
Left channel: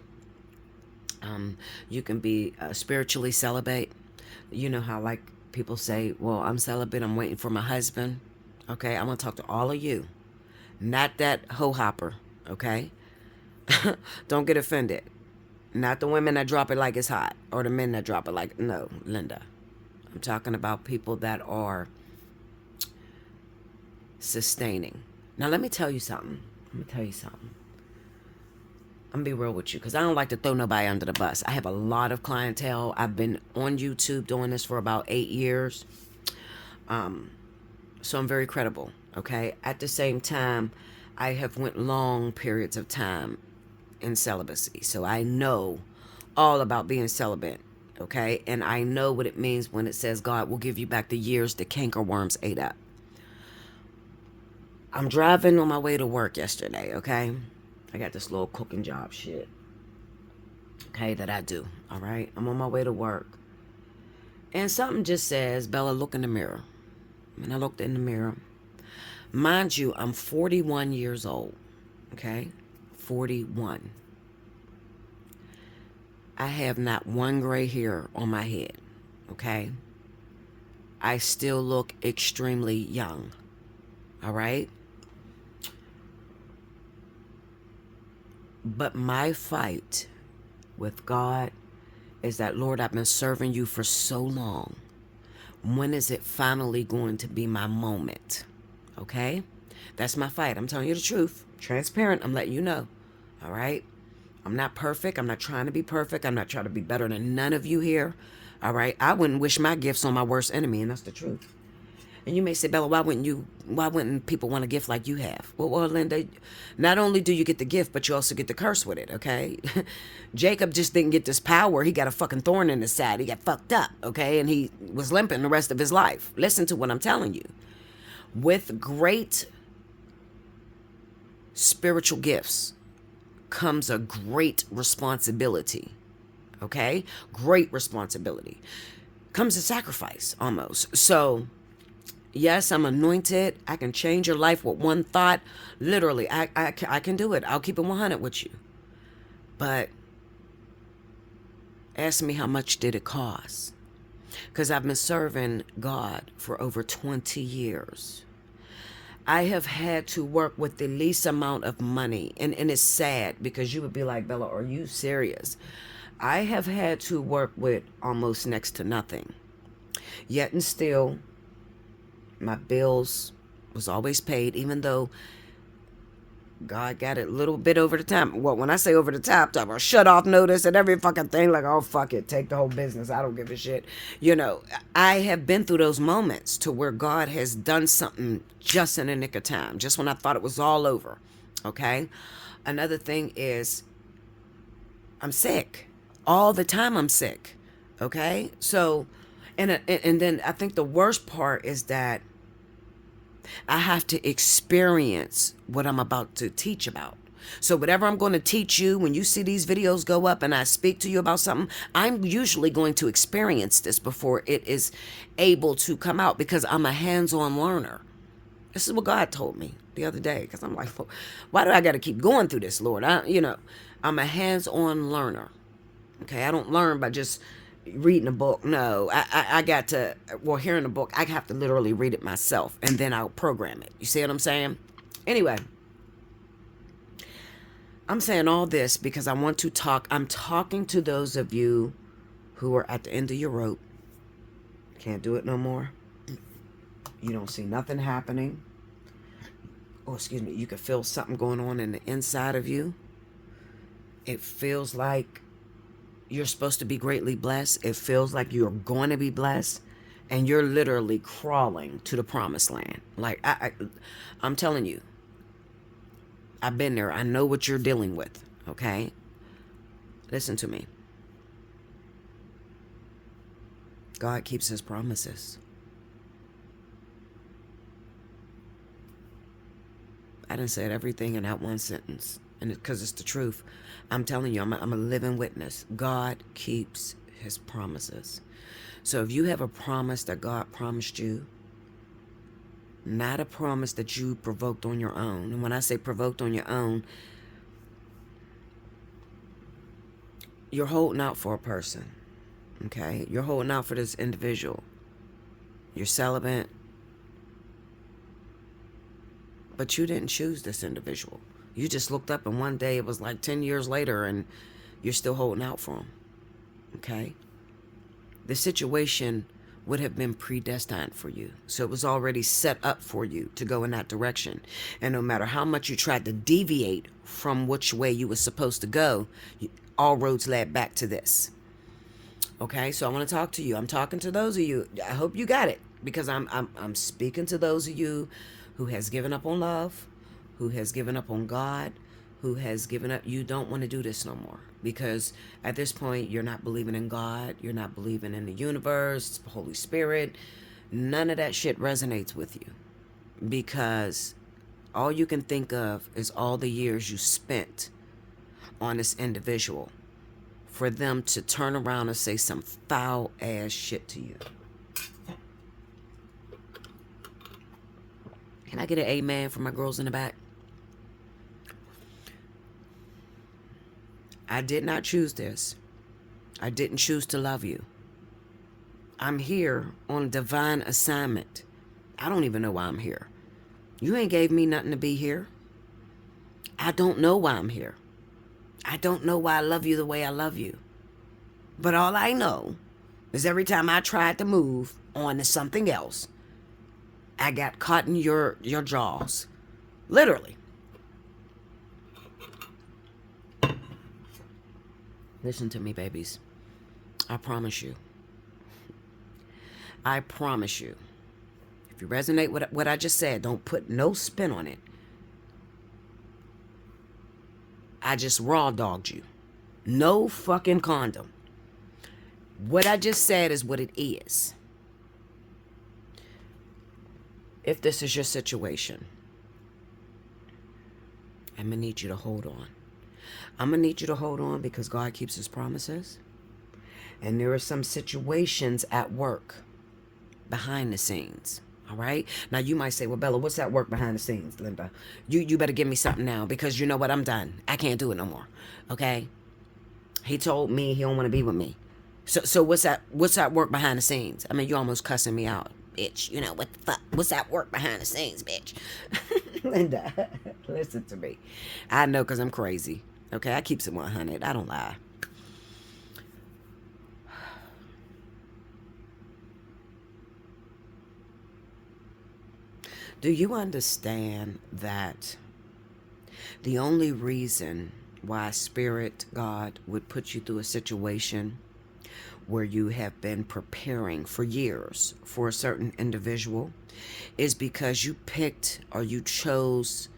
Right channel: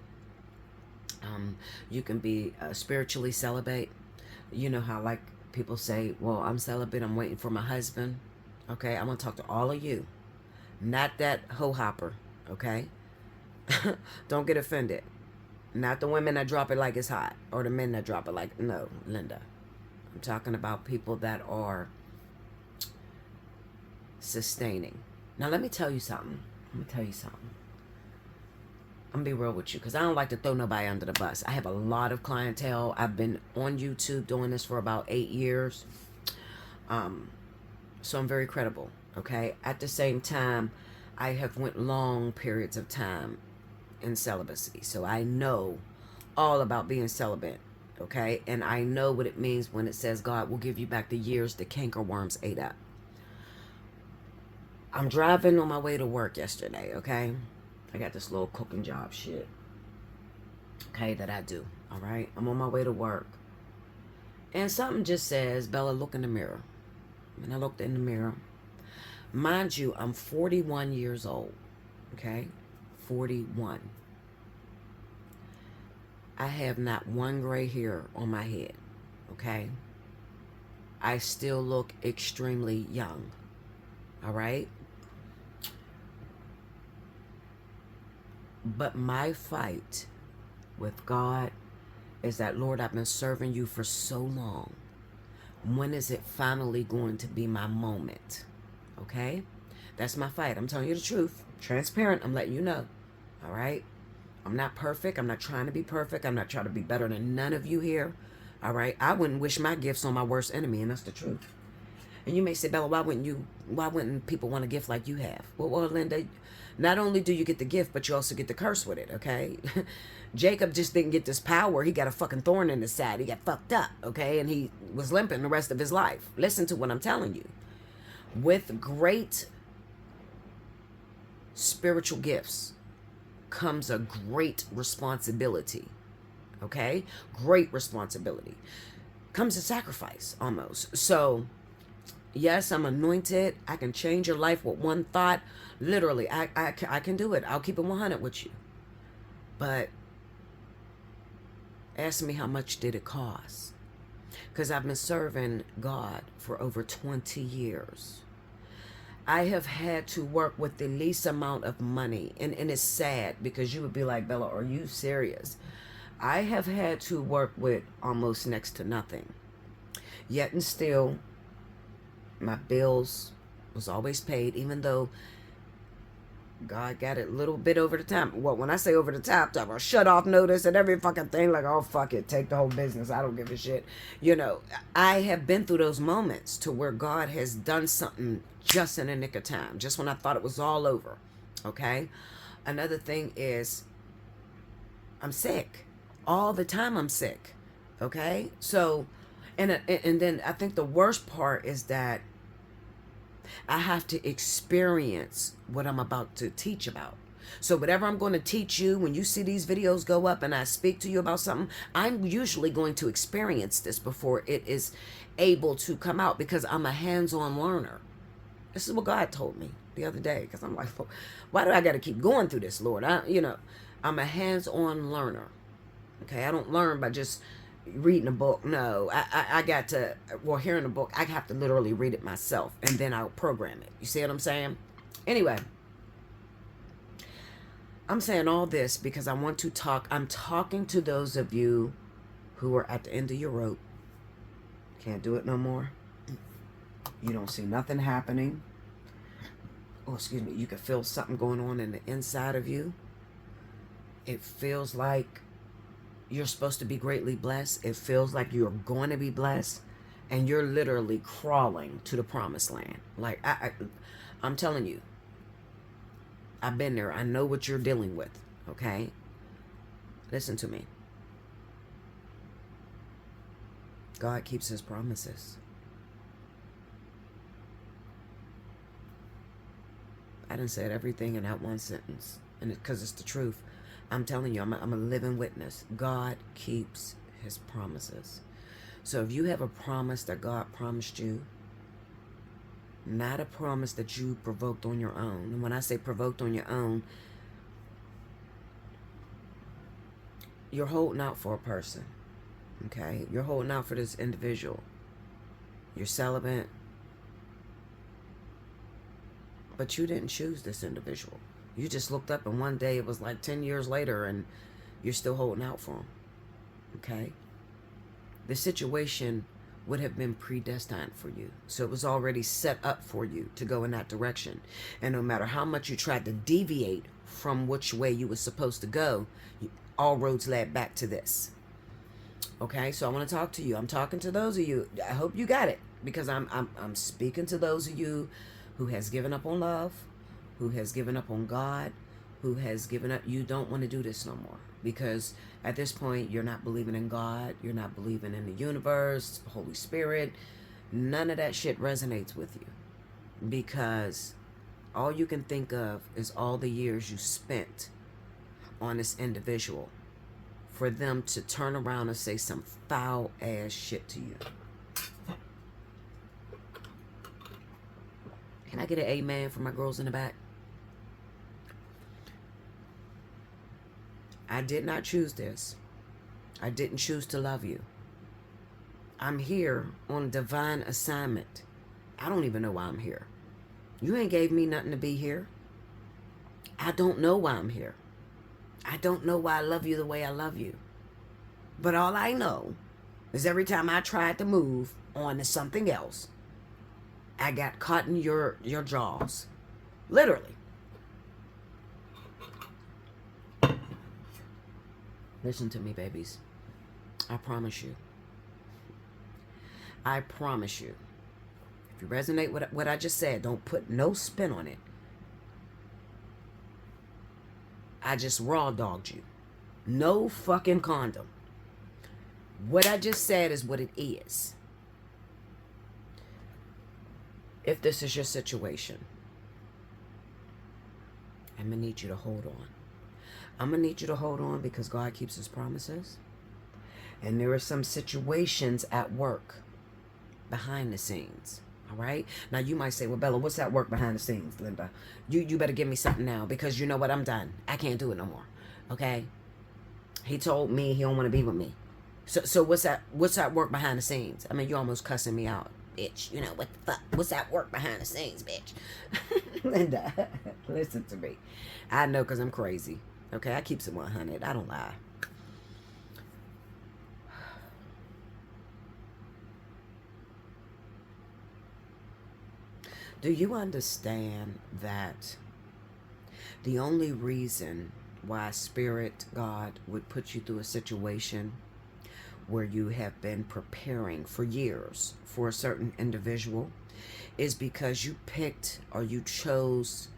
You can be spiritually celibate. You know how like people say, well, I'm celibate, I'm waiting for my husband. Okay, I'm going to talk to all of you. Not that hoe hopper, okay? Don't get offended. Not the women that drop it like it's hot, or the men that drop it like, no, Linda. I'm talking about people that are sustaining. Now, let me tell you something. I'm going to be real with you, because I don't like to throw nobody under the bus. I have a lot of clientele. I've been on YouTube doing this for about 8 years. So I'm very credible, okay? At the same time, I have went long periods of time in celibacy. So I know all about being celibate, okay? And I know what it means when it says God will give you back the years the cankerworms ate up. I'm driving on my way to work yesterday, okay? I got this little cooking job shit, okay, that I do, all right? I'm on my way to work. And something just says, Bella, look in the mirror. And I looked in the mirror. Mind you, I'm 41 years old, okay? 41. I have not one gray hair on my head, okay? I still look extremely young, all right? But my fight with God is that, Lord, I've been serving you for so long. When is it finally going to be my moment? Okay? That's my fight. I'm telling you the truth. Transparent. I'm letting you know. All right? I'm not perfect. I'm not trying to be perfect. I'm not trying to be better than none of you here. All right? I wouldn't wish my gifts on my worst enemy, and that's the truth. And you may say, Bella, why wouldn't people want a gift like you have? Well, Linda, not only do you get the gift, but you also get the curse with it, okay? Jacob just didn't get this power. He got a fucking thorn in his side. He got fucked up, okay? And he was limping the rest of his life. Listen to what I'm telling you. With great spiritual gifts comes a great responsibility, okay? Great responsibility. Comes a sacrifice, almost. So, yes, I'm anointed. I can change your life with one thought. Literally, I can do it. I'll keep it 100 with you. But ask me, how much did it cost? Because I've been serving God for over 20 years. I have had to work with the least amount of money. And it's sad because you would be like, Bella, are you serious? I have had to work with almost next to nothing. Yet and still, my bills was always paid, even though God got it a little bit over the top. Well, when I say over the top, I shut off notice and every fucking thing, like, oh, fuck it, take the whole business. I don't give a shit. You know, I have been through those moments to where God has done something just in the nick of time, just when I thought it was all over. Okay? Another thing is, I'm sick. All the time I'm sick. Okay? So, and then I think the worst part is that I have to experience what I'm about to teach about. So whatever I'm going to teach you, when you see these videos go up and I speak to you about something, I'm usually going to experience this before it is able to come out, because I'm a hands-on learner. This is what God told me the other day, because I'm like, why do I got to keep going through this, Lord? I'm a hands-on learner. Okay, I don't learn by just reading a book. No, I got to, well, hearing a book, I have to literally read it myself, and then I'll program it. You see what I'm saying? Anyway, I'm saying all this because I want to talk. I'm talking to those of you who are at the end of your rope. Can't do it no more. You don't see nothing happening. Oh, excuse me. You can feel something going on in the inside of you. It feels like you're supposed to be greatly blessed. It feels like you're going to be blessed, and you're literally crawling to the promised land. Like, I'm telling you, I've been there. I know what you're dealing with. Okay? Listen to me. God keeps his promises. I done said everything in that one sentence, and because it's the truth. I'm telling you, I'm a living witness. God keeps his promises. So if you have a promise that God promised you, not a promise that you provoked on your own. And when I say provoked on your own, you're holding out for a person. Okay? You're holding out for this individual. You're celibate. But you didn't choose this individual. You just looked up and one day it was like 10 years later and you're still holding out for him. Okay? The situation would have been predestined for you. So it was already set up for you to go in that direction. And no matter how much you tried to deviate from which way you were supposed to go, all roads led back to this. Okay? So I want to talk to you. I'm talking to those of you. I hope you got it, because I'm speaking to those of you who has given up on love, who has given up on God, who has given up. You don't want to do this no more, because at this point you're not believing in God, you're not believing in the universe, Holy Spirit. None of that shit resonates with you, because all you can think of is all the years you spent on this individual for them to turn around and say some foul ass shit to you. Can I get an amen from my girls in the back? I did not choose this. I didn't choose to love you. I'm here on divine assignment. I don't even know why I'm here. You ain't gave me nothing to be here. I don't know why I'm here. I don't know why I love you the way I love you. But all I know is every time I tried to move on to something else, I got caught in your jaws. Literally. Listen to me, babies. I promise you. I promise you. If you resonate with what I just said, don't put no spin on it. I just raw dogged you. No fucking condom. What I just said is what it is. If this is your situation, I'm going to need you to hold on. I'm going to need you to hold on, because God keeps his promises. And there are some situations at work behind the scenes. All right? Now, you might say, well, Bella, what's that work behind the scenes, Linda? You better give me something now, because you know what? I'm done. I can't do it no more. Okay? He told me he don't want to be with me. So what's that work behind the scenes? I mean, you're almost cussing me out. bitch. You know, what the fuck? What's that work behind the scenes, bitch? Linda, listen to me. I know, because I'm crazy. Okay, I keep it 100. I don't lie. Do you understand that the only reason why Spirit God would put you through a situation where you have been preparing for years for a certain individual is because you picked or you chose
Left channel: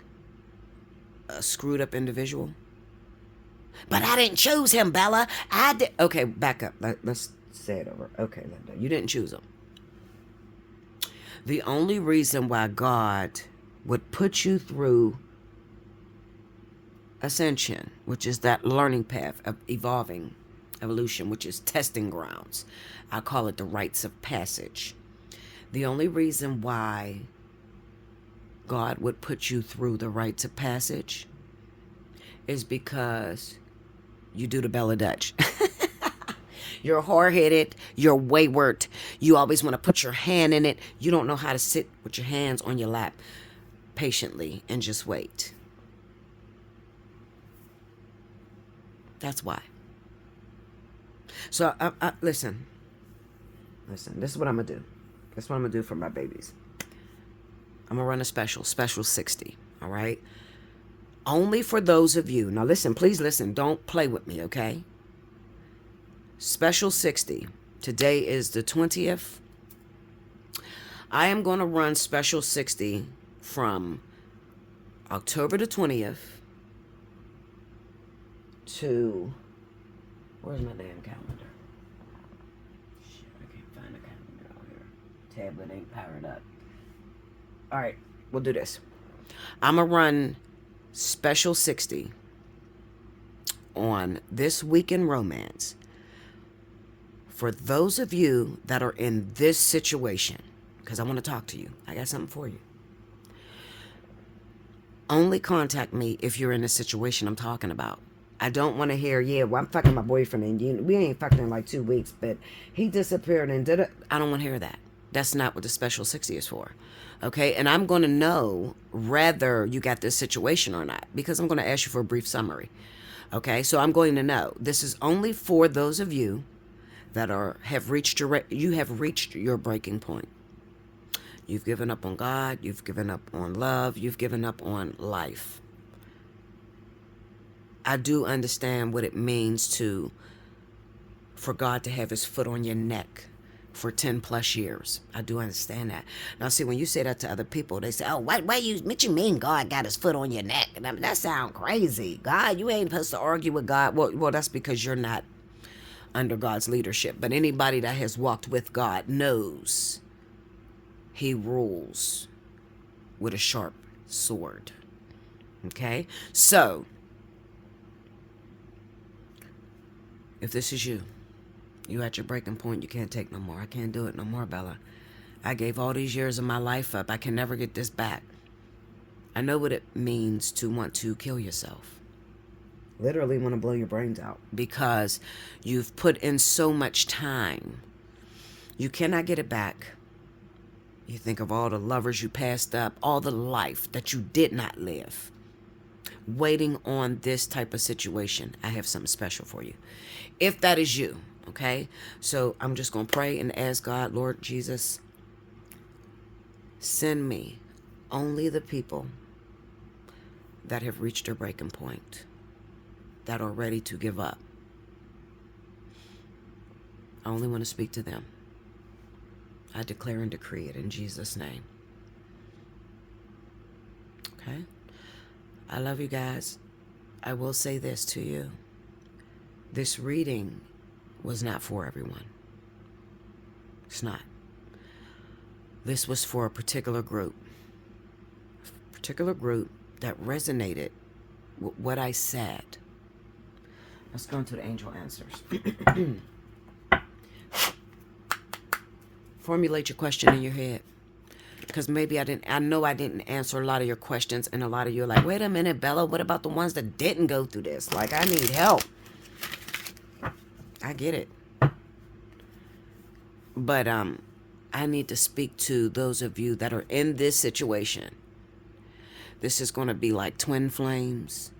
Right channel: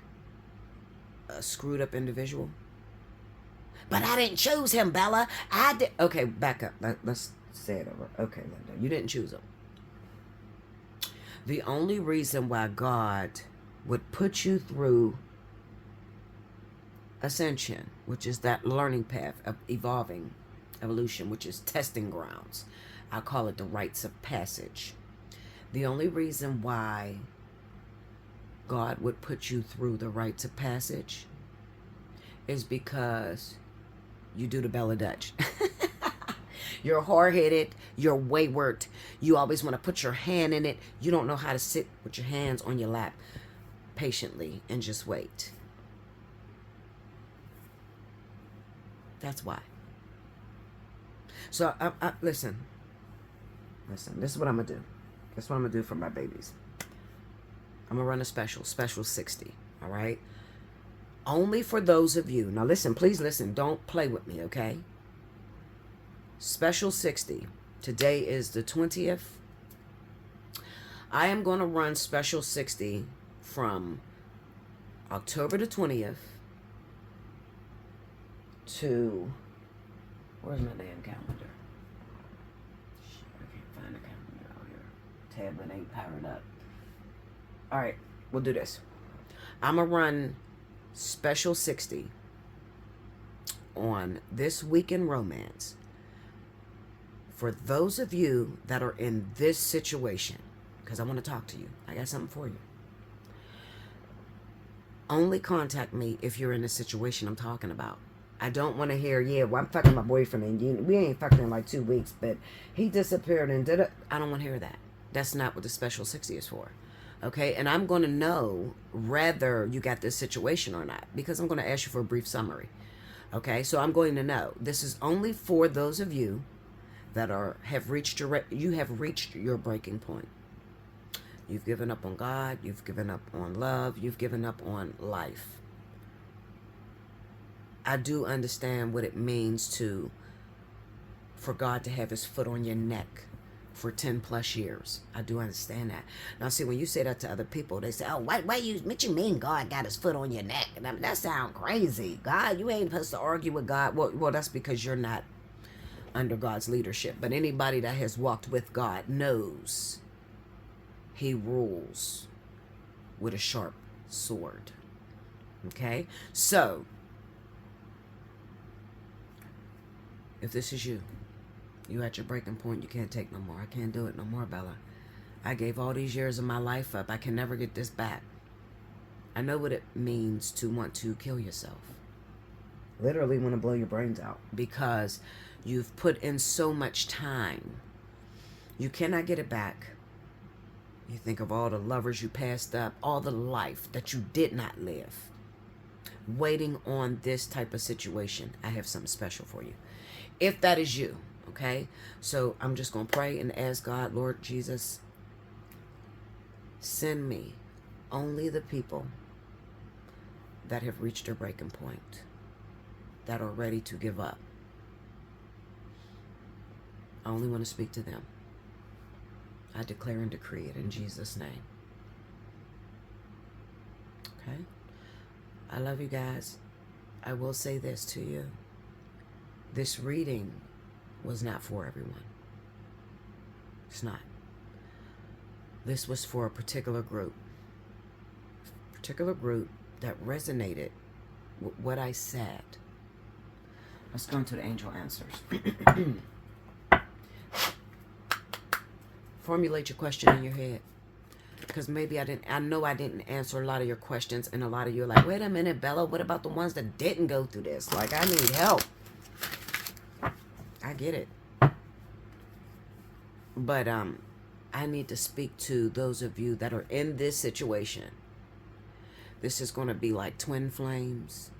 a screwed up individual? But I didn't choose him, Bella. I did. Okay, back up. Let's say it over. Okay, Linda, you didn't choose him. The only reason why God would put you through ascension, which is that learning path of evolving, evolution, which is testing grounds. I call it the rites of passage. The only reason why God would put you through the rites of passage is because you do the Bella Dutch. You're hard-headed, you're wayward, you always want to put your hand in it. You don't know how to sit with your hands on your lap patiently and just wait. That's why. So, listen, this is what I'm going to do. This is what I'm going to do for my babies. I'm going to run a special 60, all right? Only for those of you. Now, listen, please listen. Don't play with me, okay? Special 60. Today is the 20th. I am going to run special 60 from October the 20th to, where's my damn calendar? Shit, I can't find the calendar out here. Tablet ain't powered up. All right, we'll do this. I'm going to run special 60 on this week in romance for those of you that are in this situation, because I want to talk to you. I got something for you. Only contact me if you're in the situation I'm talking about. I don't want to hear, yeah, well, I'm fucking my boyfriend and we ain't fucking in like 2 weeks, but he disappeared and did it. I don't want to hear that. That's not what the special 60 is for. Okay, and I'm going to know whether you got this situation or not, because I'm going to ask you for a brief summary. Okay, so I'm going to know. This is only for those of you that have reached your breaking point. You've given up on God, you've given up on love, you've given up on life. I do understand what it means for God to have his foot on your neck for 10 plus years. I do understand that. Now, see, when you say that to other people, they say, oh, what you mean God got his foot on your neck? And I mean, that sounds crazy. God, you ain't supposed to argue with God. Well, that's because you're not under God's leadership. But anybody that has walked with God knows he rules with a sharp sword. Okay? So, if this is you at your breaking point, you can't take no more. I can't do it no more, Bella. I gave all these years of my life up. I can never get this back. I know what it means to want to kill yourself. Literally want to blow your brains out. Because you've put in so much time. You cannot get it back. You think of all the lovers you passed up, all the life that you did not live. Waiting on this type of situation. I have something special for you. If that is you, okay? So I'm just going to pray and ask God, Lord Jesus, send me only the people that have reached their breaking point, that are ready to give up. I only want to speak to them. I declare and decree it in Jesus' name. Okay? I love you guys. I will say this to you. This reading was not for everyone. It's not. This was for a particular group. A particular group that resonated with what I said. Let's go into the angel answers. Formulate your question in your head. Because maybe I know I didn't answer a lot of your questions, and a lot of you are like, wait a minute, Bella, what about the ones that didn't go through this? Like, I need help. I get it. But I need to speak to those of you that are in this situation. This is going to be like twin flames.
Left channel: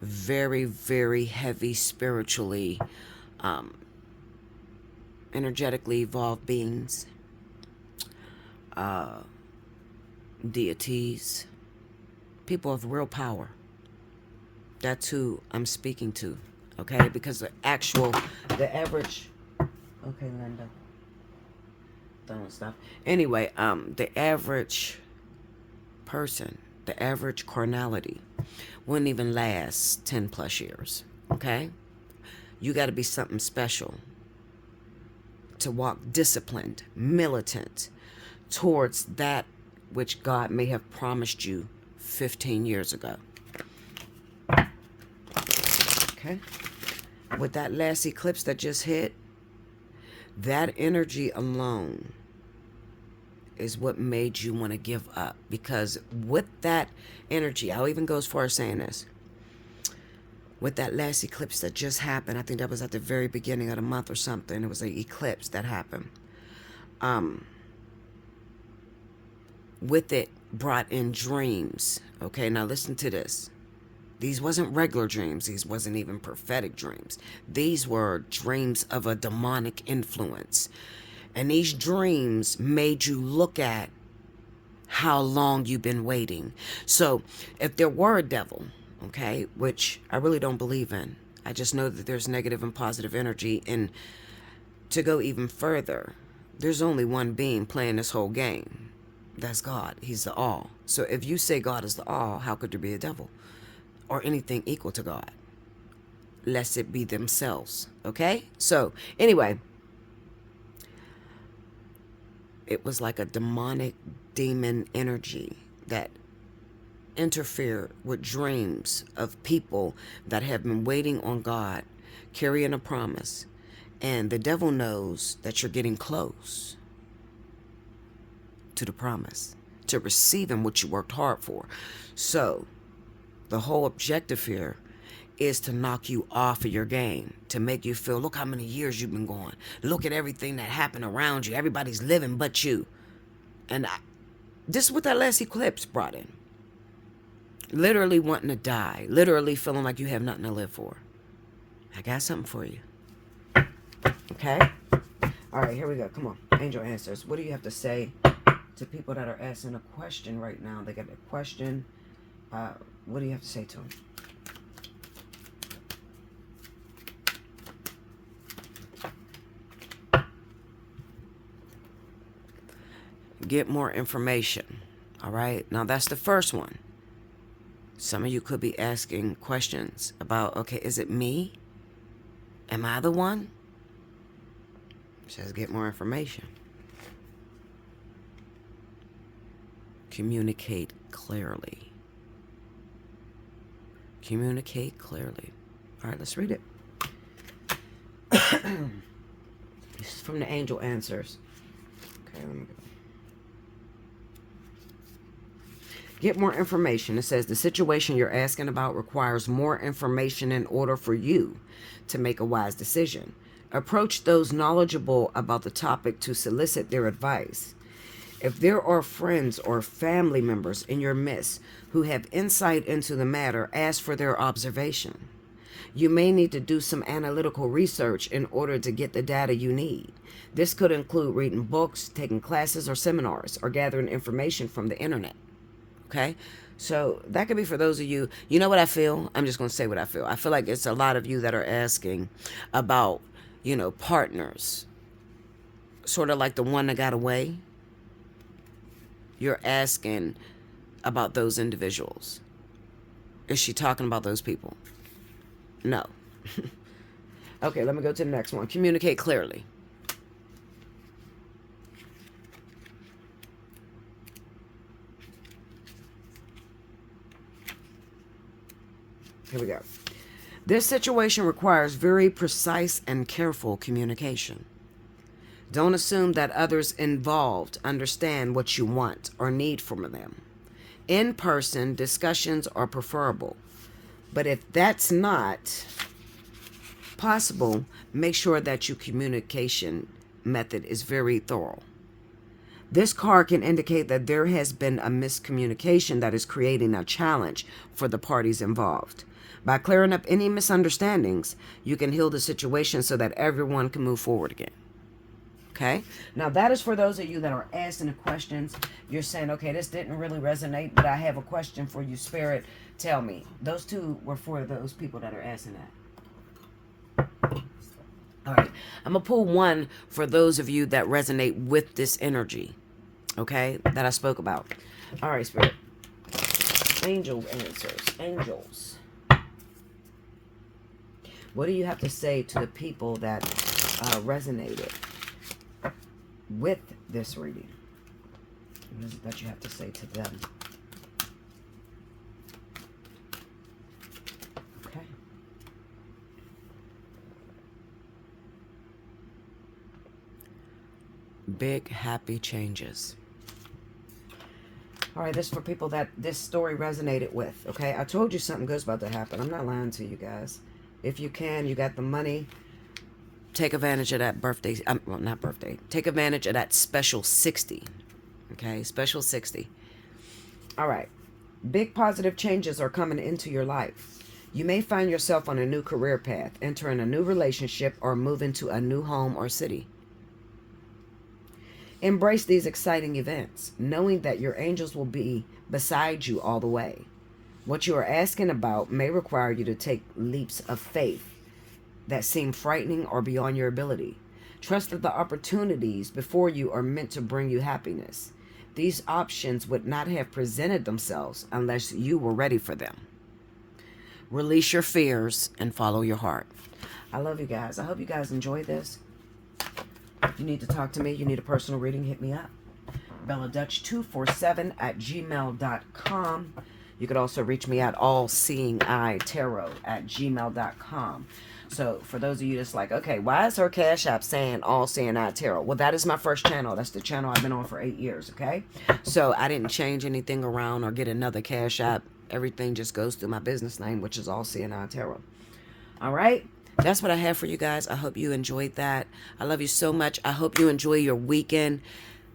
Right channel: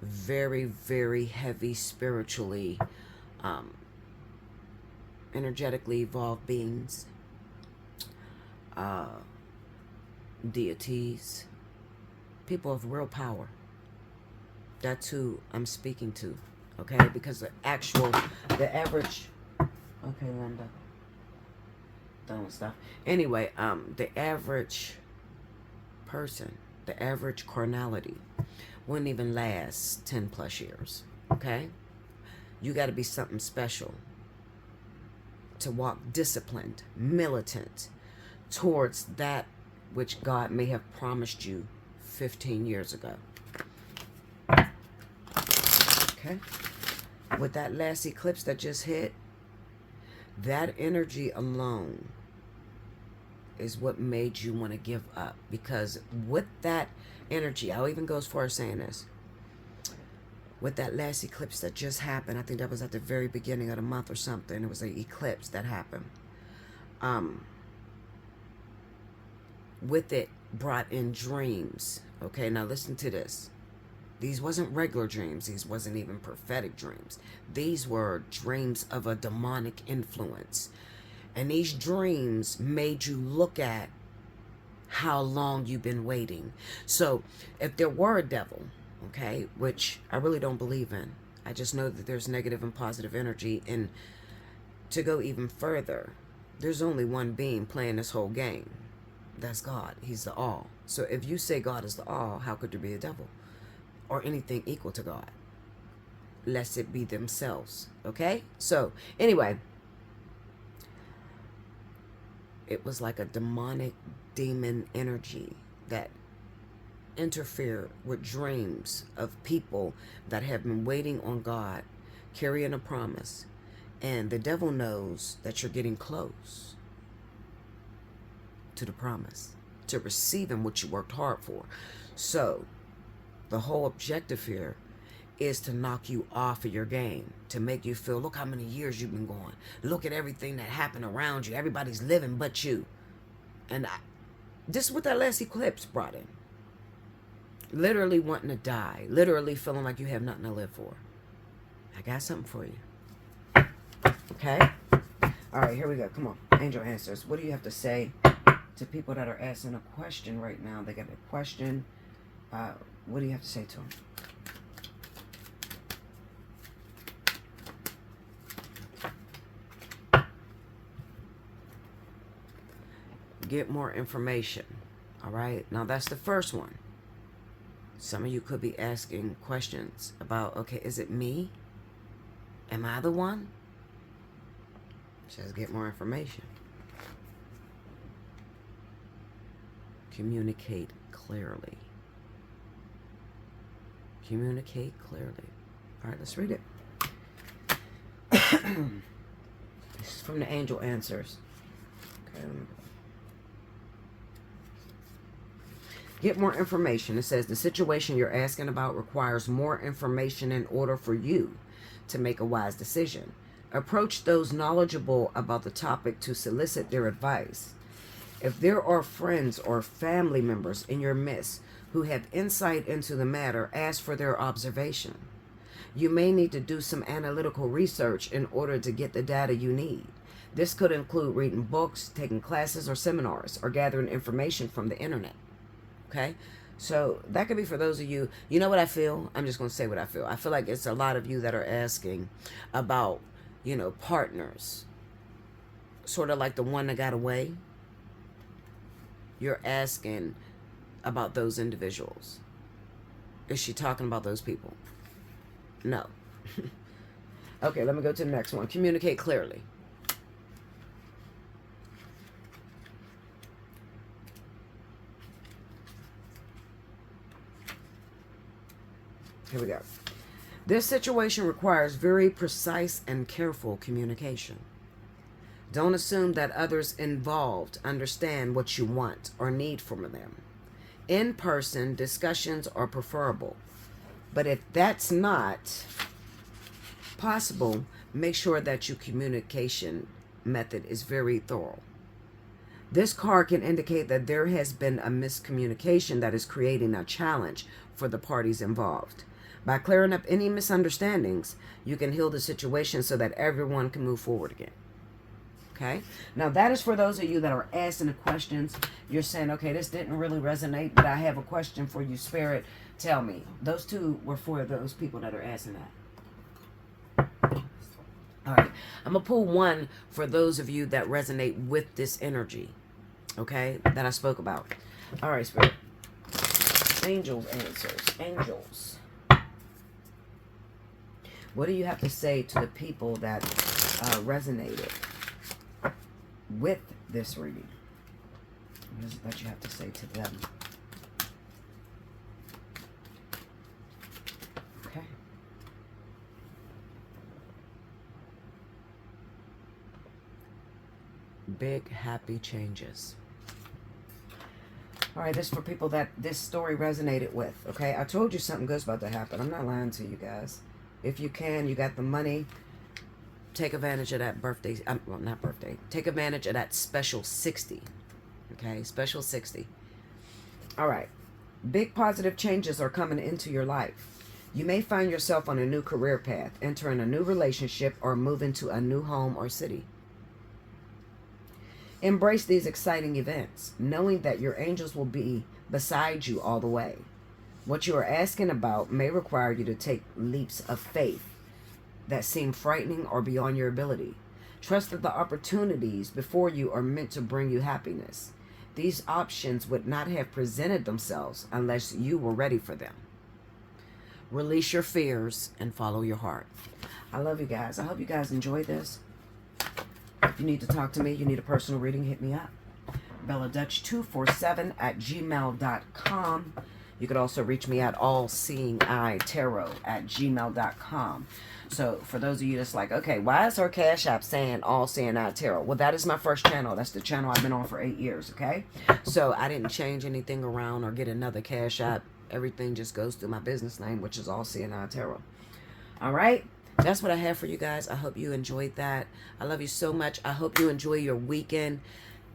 Very, very heavy spiritually, energetically evolved beings, deities, people of real power. That's who I'm speaking to, okay? Because the average, okay, Linda, don't stop. Anyway, the average person, the average carnality wouldn't even last 10 plus years, okay? You got to be something special to walk disciplined, militant towards that which God may have promised you 15 years ago. Okay? With that last eclipse that just hit, that energy alone is what made you want to give up. Because with that energy, I'll even go as far as saying this. With that last eclipse that just happened, I think that was at the very beginning of the month or something. It was an eclipse that happened. With it brought in dreams. Okay, now listen to this. These wasn't regular dreams. These wasn't even prophetic dreams. These were dreams of a demonic influence. And these dreams made you look at how long you've been waiting. So if there were a devil, okay, which I really don't believe in, I just know that there's negative and positive energy. And to go even further, there's only one being playing this whole game. That's God. He's the all. So if you say God is the all, how could there be a devil or anything equal to God? Lest it be themselves. Okay? So anyway, it was like a demonic demon energy that interfered with dreams of people that have been waiting on God, carrying a promise. And the devil knows that you're getting close to the promise, to receiving what you worked hard for. So the whole objective here is to knock you off of your game, to make you feel, look how many years you've been going. Look at everything that happened around you. Everybody's living but you. And this is what that last eclipse brought in. Literally wanting to die. Literally feeling like you have nothing to live for. I got something for you. Okay? All right, here we go. Come on. Angel Answers. What do you have to say to people that are asking a question right now? They got a question. What do you have to say to them? Get more information. All right. Now that's the first one. Some of you could be asking questions about, okay, is it me? Am I the one? It says get more information. Communicate clearly. Communicate clearly. All right, let's read it. This is from the Angel Answers. Okay, let me go. Get more information. It says the situation you're asking about requires more information in order for you to make a wise decision. Approach those knowledgeable about the topic to solicit their advice. If there are friends or family members in your midst who have insight into the matter, ask for their observation. You may need to do some analytical research in order to get the data you need. This could include reading books, taking classes or seminars, or gathering information from the internet. Okay, so that could be for those of you, you know what I feel? I'm just going to say what I feel. I feel like it's a lot of you that are asking about, partners, sort of like the one that got away. You're asking about those individuals. Is she talking about those people? No. Okay, let me go to the next one. Communicate clearly. Here we go. This situation requires very precise and careful communication. Don't assume that others involved understand what you want or need from them. In-person discussions are preferable. But if that's not possible, make sure that your communication method is very thorough. This card can indicate that there has been a miscommunication that is creating a challenge for the parties involved. By clearing up any misunderstandings, you can heal the situation so that everyone can move forward again. Okay? Now, that is for those of you that are asking the questions. You're saying, okay, this didn't really resonate, but I have a question for you, Spirit. Tell me. Those two were for those people that are asking that. All right. I'm going to pull one for those of you that resonate with this energy, okay, that I spoke about. All right, Spirit. Angels answers. Angels. What do you have to say to the people that resonated with this reading? What is it that you have to say to them? Okay. Big happy changes. All right, this is for people that this story resonated with, okay? I told you something good's about to happen. I'm not lying to you guys. If you can, you got the money. Take advantage of that birthday. Well, not birthday. Take advantage of that special 60. Okay, special 60. All right. Big positive changes are coming into your life. You may find yourself on a new career path, entering a new relationship, or moving to a new home or city. Embrace these exciting events, knowing that your angels will be beside you all the way. What you are asking about may require you to take leaps of faith that seem frightening or beyond your ability. Trust that the opportunities before you are meant to bring you happiness. These options would not have presented themselves unless you were ready for them. Release your fears and follow your heart. I love you guys. I hope you guys enjoyed this. If you need to talk to me, you need a personal reading, hit me up. BellaDutch247@gmail.com. You could also reach me at Allseeingeyetarot@gmail.com. So for those of you that's like, okay, why is her Cash App saying Allseeingeyetarot? Well, that is my first channel. That's the channel I've been on for 8 years, okay? So I didn't change anything around or get another Cash App. Everything just goes through my business name, which is Allseeingeyetarot. All right? That's what I have for you guys. I hope you enjoyed that. I love you so much. I hope you enjoy your weekend.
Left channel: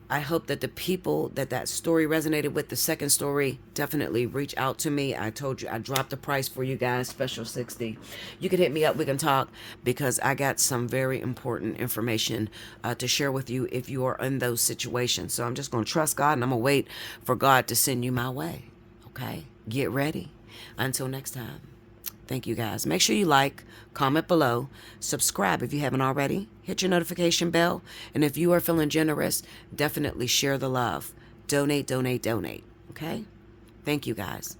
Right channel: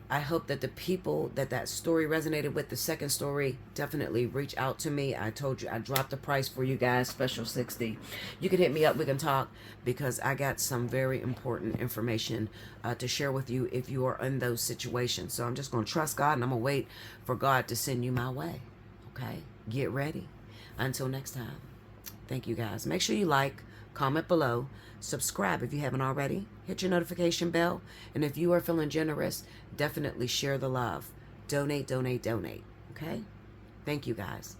I hope that the people that story resonated with, the second story, definitely reach out to me. I told you I dropped the price for you guys, special 60. You can hit me up. We can talk because I got some very important information to share with you if you are in those situations. So I'm just going to trust God and I'm going to wait for God to send you my way. Okay? Get ready. Until next time. Thank you guys. Make sure you like, comment below, subscribe if you haven't already, hit your notification bell, and if you are feeling generous, definitely share the love. Donate, donate, donate. Okay? Thank you guys.